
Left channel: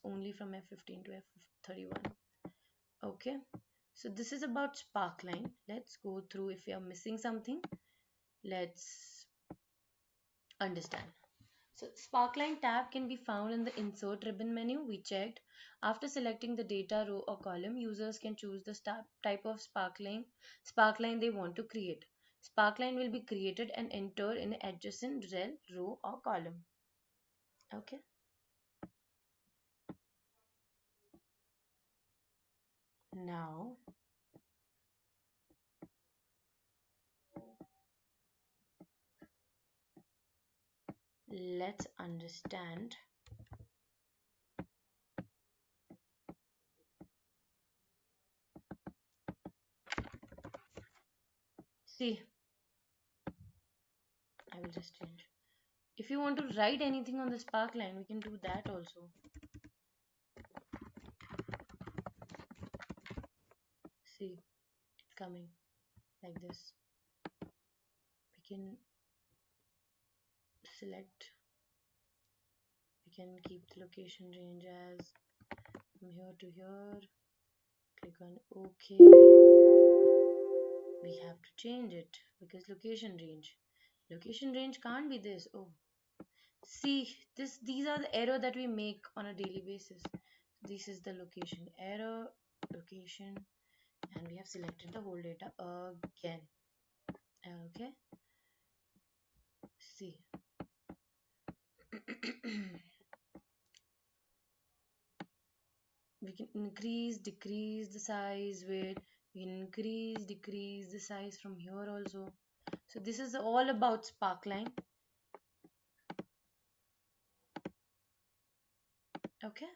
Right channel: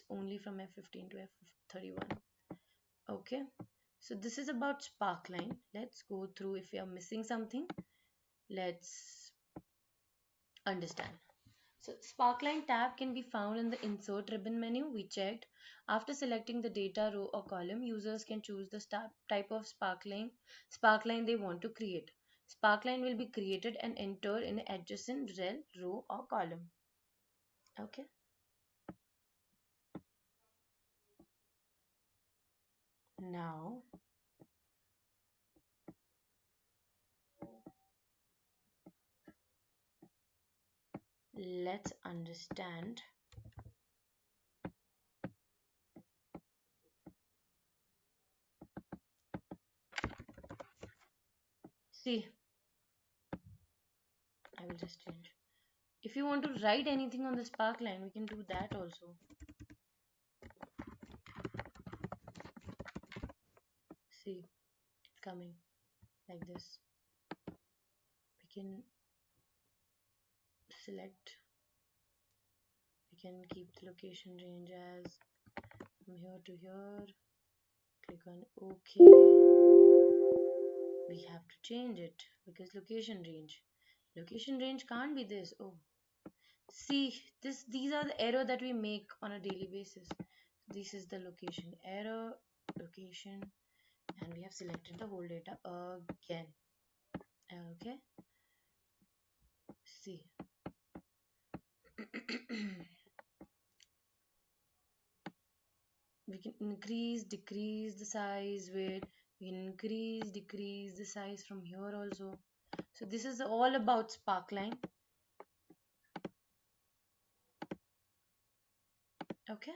only from F15 to F31. Okay. So this is about sparkline. Let's go through if you are missing something. Let's understand. So sparkline tab can be found in the insert ribbon menu. We checked. After selecting the data row or column, users can choose the type of sparkline they want to create. Sparkline will be created and entered in adjacent row or column. Okay. Now let's understand see, I'm just finished. If you want to write anything on the sparkline, we can do that also. See, it's coming like this. We can select, we can keep the location range as from here to here. Click on OK. We have to change it because location range can't be this. Oh, see, these are the error that we make on a daily basis. This is the location error, location, and we have selected the whole data again. Okay, see. We can increase, decrease the size, where we can increase, decrease the size from here also. So this is all about Sparkline. Okay.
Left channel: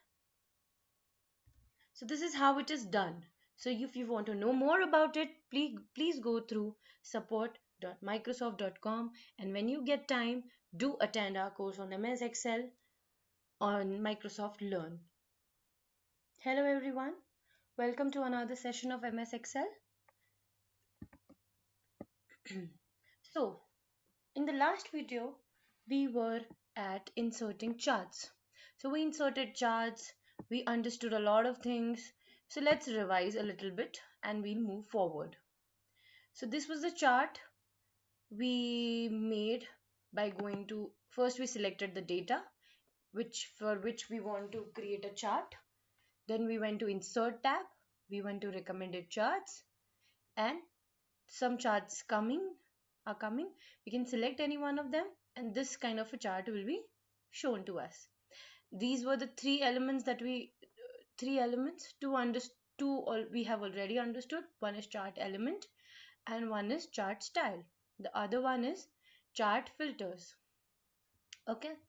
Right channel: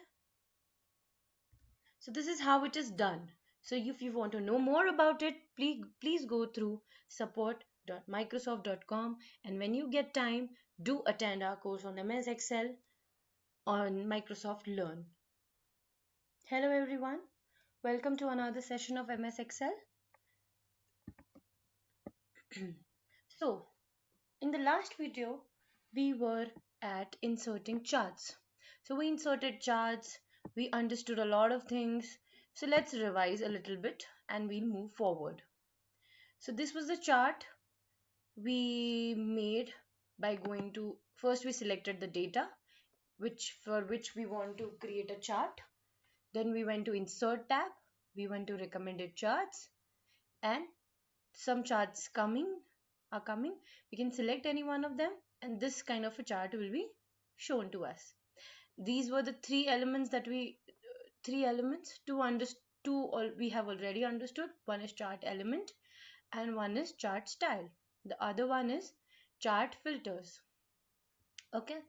So this is how it is done. So if you want to know more about it, please go through support.microsoft.com, and when you get time, do attend our course on MS Excel on Microsoft Learn. Hello everyone, welcome to another session of MS Excel. So in the last video, we were at inserting charts. So we inserted charts, we understood a lot of things. So let's revise a little bit and we'll move forward. So this was a chart we made by going to, first we selected the data for which we want to create a chart. Then we went to insert tab, we went to recommended charts, and some charts are coming. We can select any one of them and this kind of a chart will be shown to us. These were the three elements, we have already understood. One is chart element and one is chart style. The other one is chart filters. Okay.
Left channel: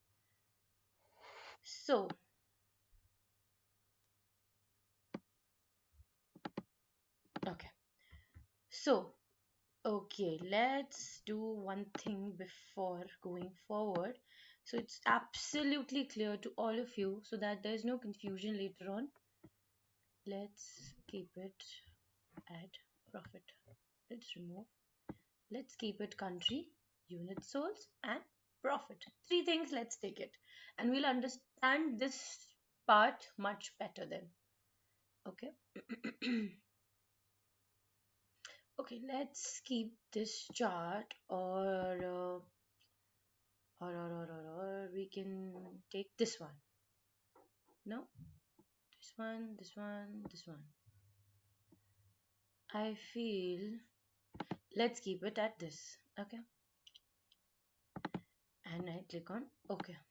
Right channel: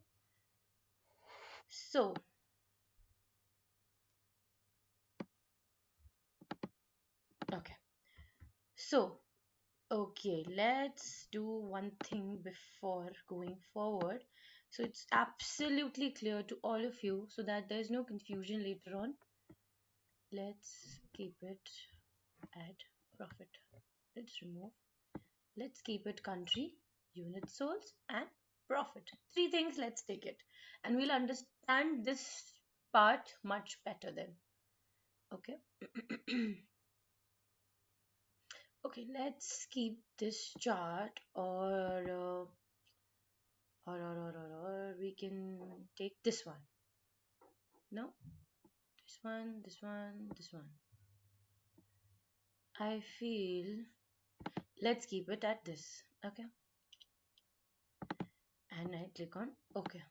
So okay. So okay, let's do one thing before going forward. So it's absolutely clear to all of you so that there's no confusion later on. Let's keep it at profit. Let's remove. Let's keep it country, unit source, and profit. Three things, let's take it. And we'll understand this part much better then. Okay. Okay, let's keep this chart or we can take this one. No? This one, this one, this one. I feel let's keep it at this. Okay. And I click on OK.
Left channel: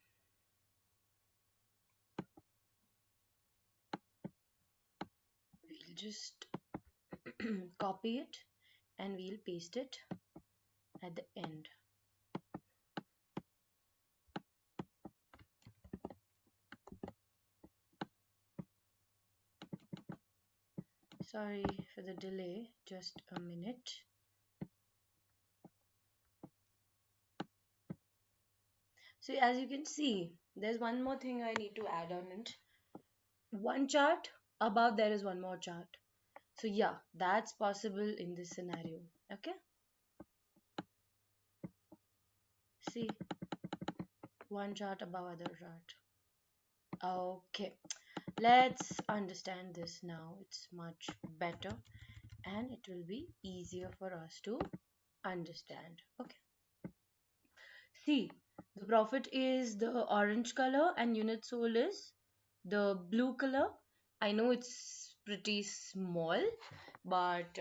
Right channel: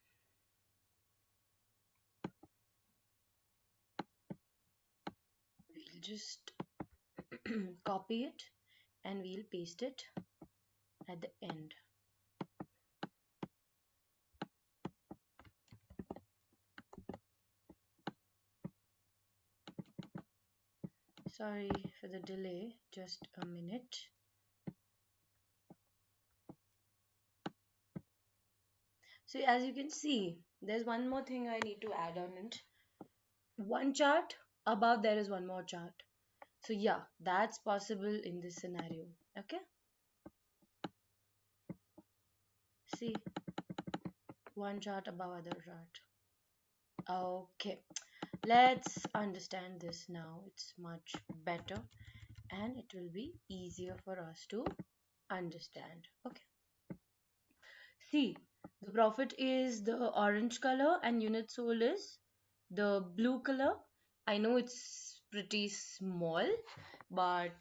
We'll just copy it and we'll paste it at the end. Sorry for the delay, just a minute. So as you can see, there's one more thing I need to add on it. One chart, above there is one more chart. So yeah, that's possible in this scenario. Okay. See, one chart above other chart. Okay, let's understand this now. It's much better and it will be easier for us to understand. Okay. See, the profit is the orange color and unit sold is the blue color. I know it's pretty small, but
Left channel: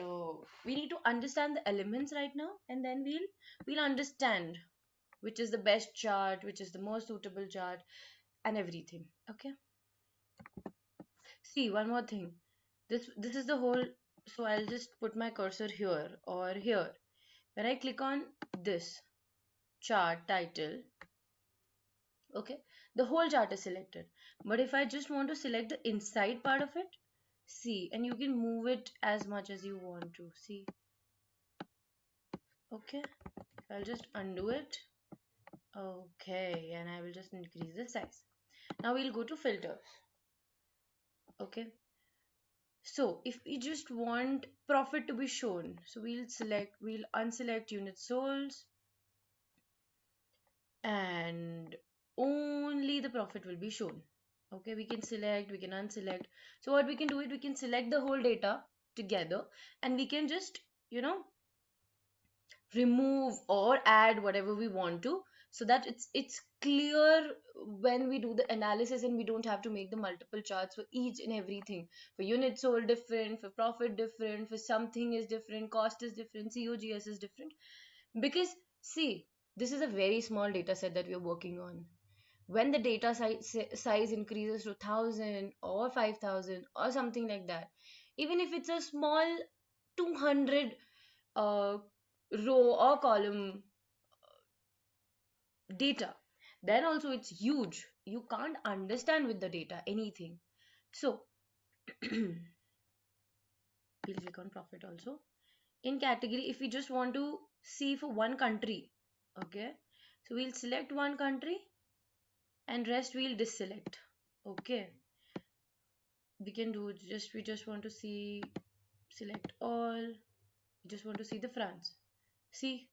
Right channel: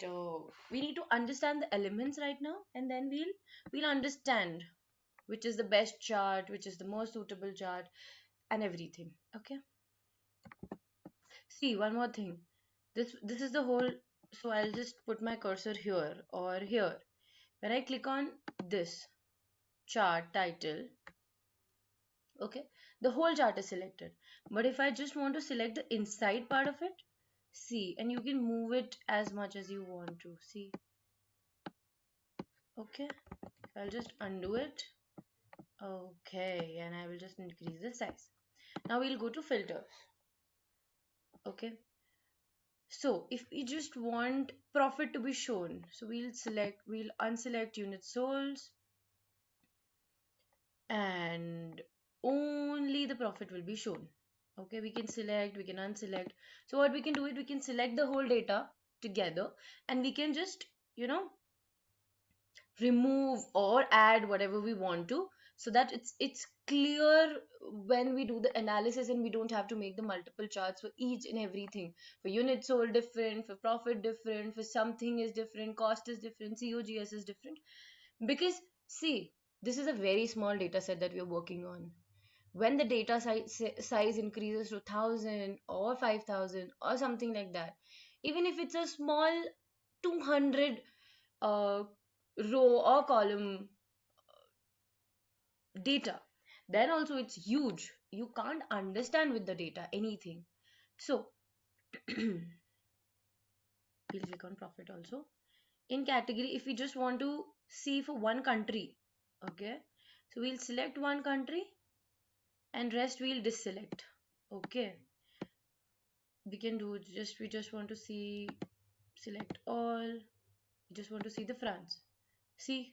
we need to understand the elements right now, and then we'll understand which is the best chart, which is the most suitable chart, and everything. Okay. See, one more thing. This is the whole. So I'll just put my cursor here or here. When I click on this chart title, okay, the whole chart is selected. But if I just want to select the inside part of it, see, and you can move it as much as you want to. See, okay, I'll just undo it. Okay, and I will just increase the size. Now we'll go to filters. Okay. So if we just want profit to be shown, so we'll unselect unit sold and only the profit will be shown. Okay, we can select, we can unselect. So what we can do is we can select the whole data together, and we can just, remove or add whatever we want to, so that it's clear when we do the analysis, and we don't have to make the multiple charts for each and everything. For units sold different, for profit different, for something is different, cost is different, COGS is different. Because see, this is a very small data set that we're working on. When the data size increases to 1000 or 5000 or something like that, even if it's a small 200 uh, row or column data, then also it's huge. You can't understand with the data anything. So we'll click on profit also. In category, if we just want to see for one country, okay, so we'll select one country and rest we'll deselect. Okay, we can do just, we just want to see, select all, we just want to see the France. See,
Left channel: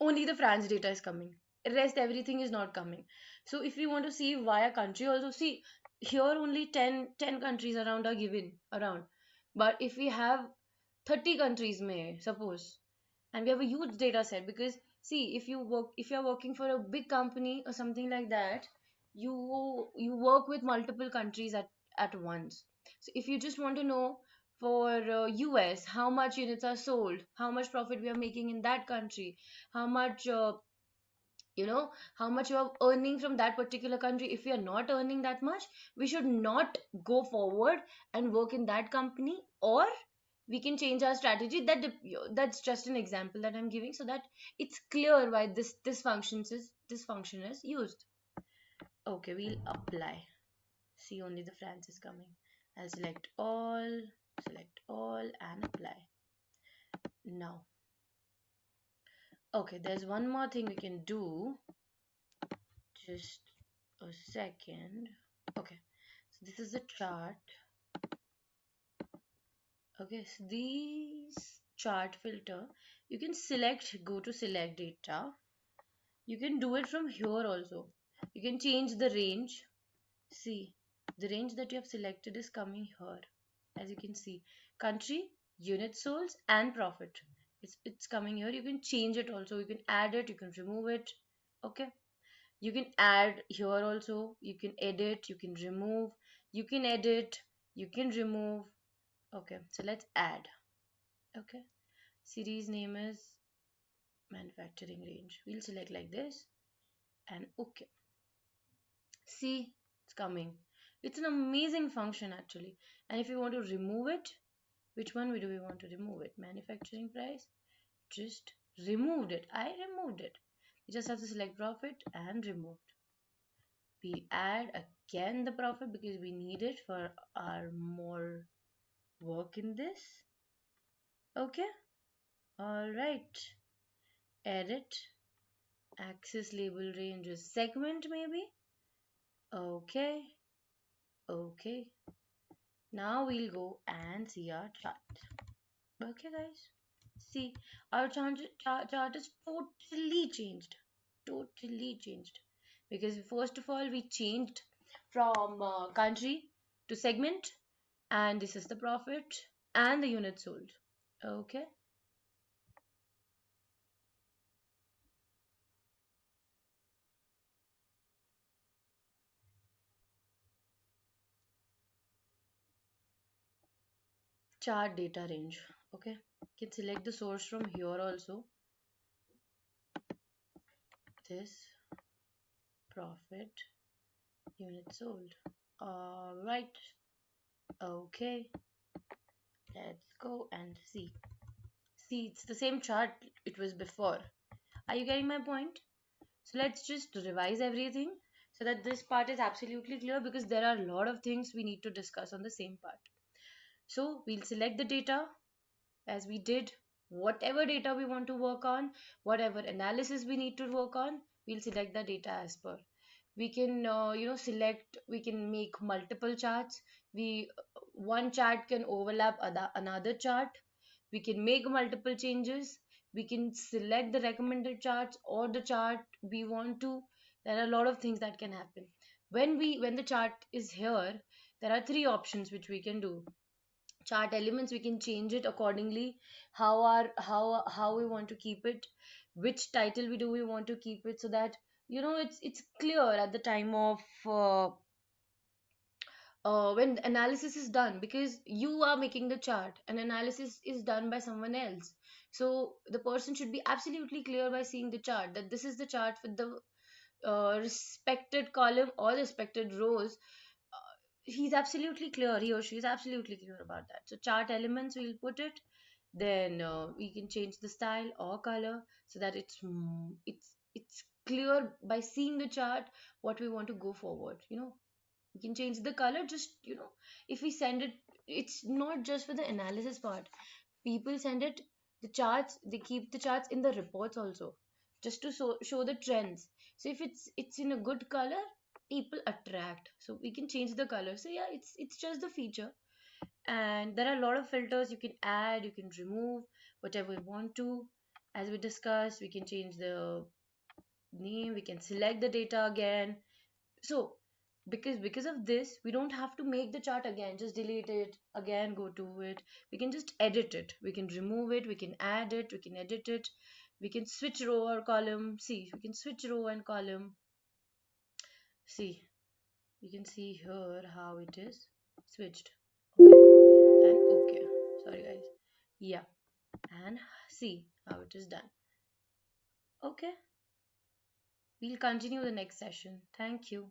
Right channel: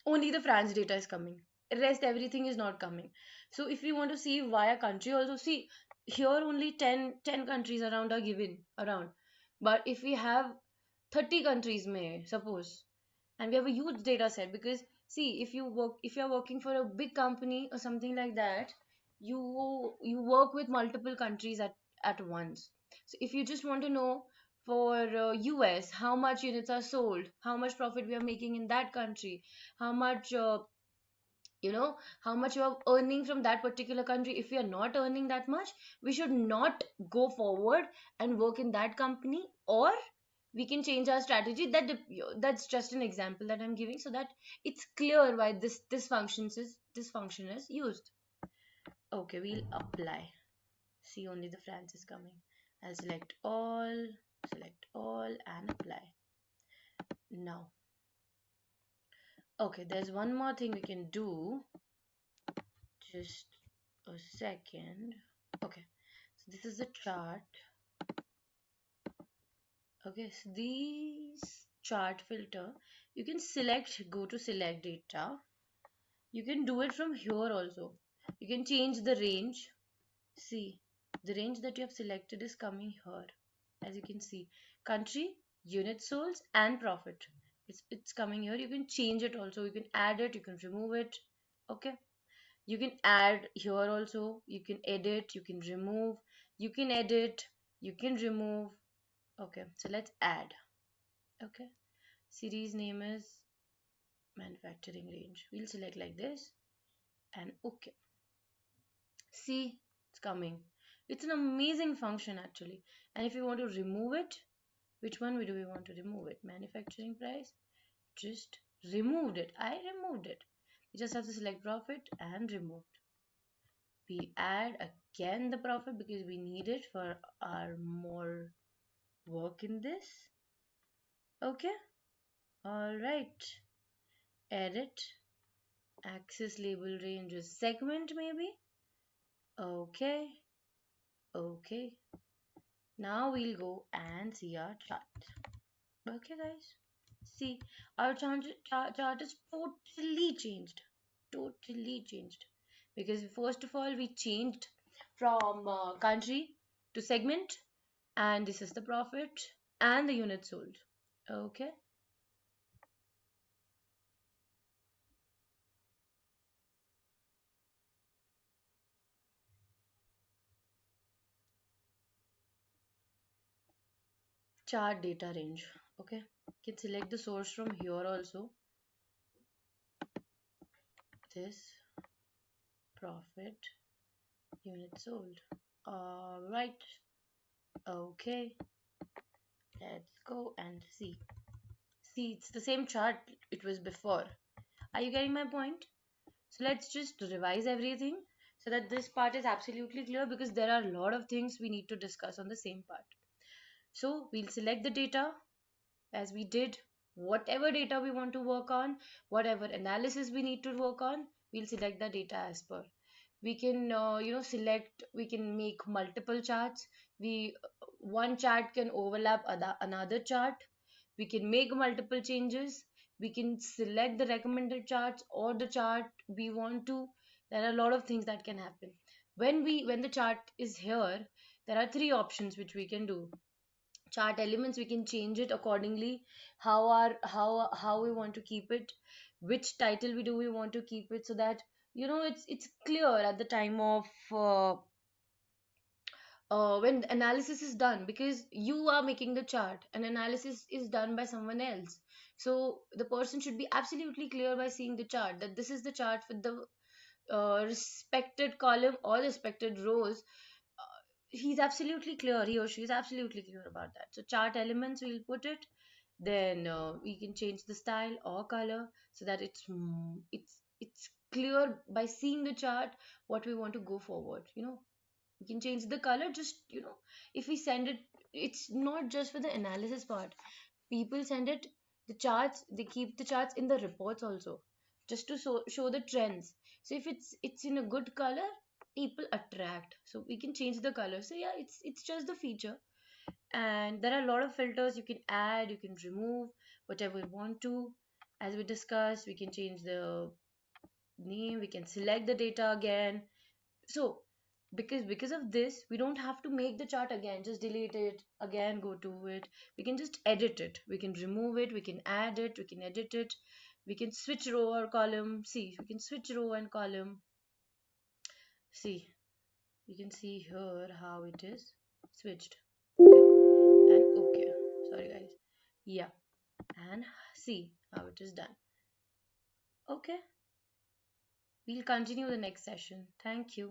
only the France data is coming. The rest everything is not coming. So if you want to see via country also, see, here only 10 countries around are given around. But if we have 30 countries, may suppose, and we have a huge data set, because see, if you are working for a big company or something like that, you work with multiple countries at once. So if you just want to know for US how much units are sold, how much profit we are making in that country, how much how much you're earning from that particular country. If we are not earning that much, we should not go forward and work in that company, or we can change our strategy. That's just an example that I'm giving, so that it's clear why this function is used. Okay, we'll apply. See, only the France is coming. And select all and apply. Now, okay, there's one more thing we can do. Just a second. Okay, so this is the chart. Okay, so these chart filter, you can select, go to select data. You can do it from here also. You can change the range. See, the range that you have selected is coming here. As you can see, country, unit sold, and profit. It's coming here. You can change it also. You can add it. You can remove it. Okay. You can add here also. You can edit. You can remove. You can edit. You can remove. Okay. So let's add. Okay. Series name is manufacturing range. We'll select like this and okay. See, it's coming. It's an amazing function actually. And if you want to remove it, which one do we want to remove it? Manufacturing price? Just removed it. I removed it. You just have to select profit and remove. We add again the profit because we need it for our more work in this. Okay. Alright. Edit. Axis label range is segment maybe. Okay. Okay. Now we'll go and see our chart. Okay guys. See, our chart is totally changed. Totally changed. Because first of all, we changed from country to segment, and this is the profit and the unit sold. Okay. Chart data range. Okay. You can select the source from here also. This profit unit sold. Alright. Okay. Let's go and see. See, it's the same chart it was before. Are you getting my point? So let's just revise everything so that this part is absolutely clear, because there are a lot of things we need to discuss on the same part. So we'll select the data as we did. Whatever data we want to work on, whatever analysis we need to work on, we'll select the data as per. We can, select. We can make multiple charts. One chart can overlap another chart. We can make multiple changes. We can select the recommended charts or the chart we want to. There are a lot of things that can happen. When the chart is here, there are three options which we can do. Chart elements, we can change it accordingly, how we want to keep it, which title we want to keep it, so that it's clear at the time of when the analysis is done, because you are making the chart and analysis is done by someone else. So the person should be absolutely clear by seeing the chart that this is the chart for the respected column or respected rows. He's absolutely clear, he or she is absolutely clear about that. So chart elements, we'll put it. Then we can change the style or color so that it's clear by seeing the chart what we want to go forward. We can change the color. Just if we send it, it's not just for the analysis part. People send it the charts. They keep the charts in the reports also, just to show the trends. So if it's in a good color, people attract. So we can change the color. So yeah, it's just the feature. And there are a lot of filters you can add, you can remove whatever you want to. As we discussed, we can change the name, we can select the data again. So because of this, we don't have to make the chart again, just delete it again, go to it. We can just edit it, we can remove it, we can add it, we can edit it, we can switch row or column. See, we can switch row and column. See, you can see here how it is switched. Okay, and okay, sorry guys. Yeah, and see how it is done. Okay, we'll continue the next session. Thank you.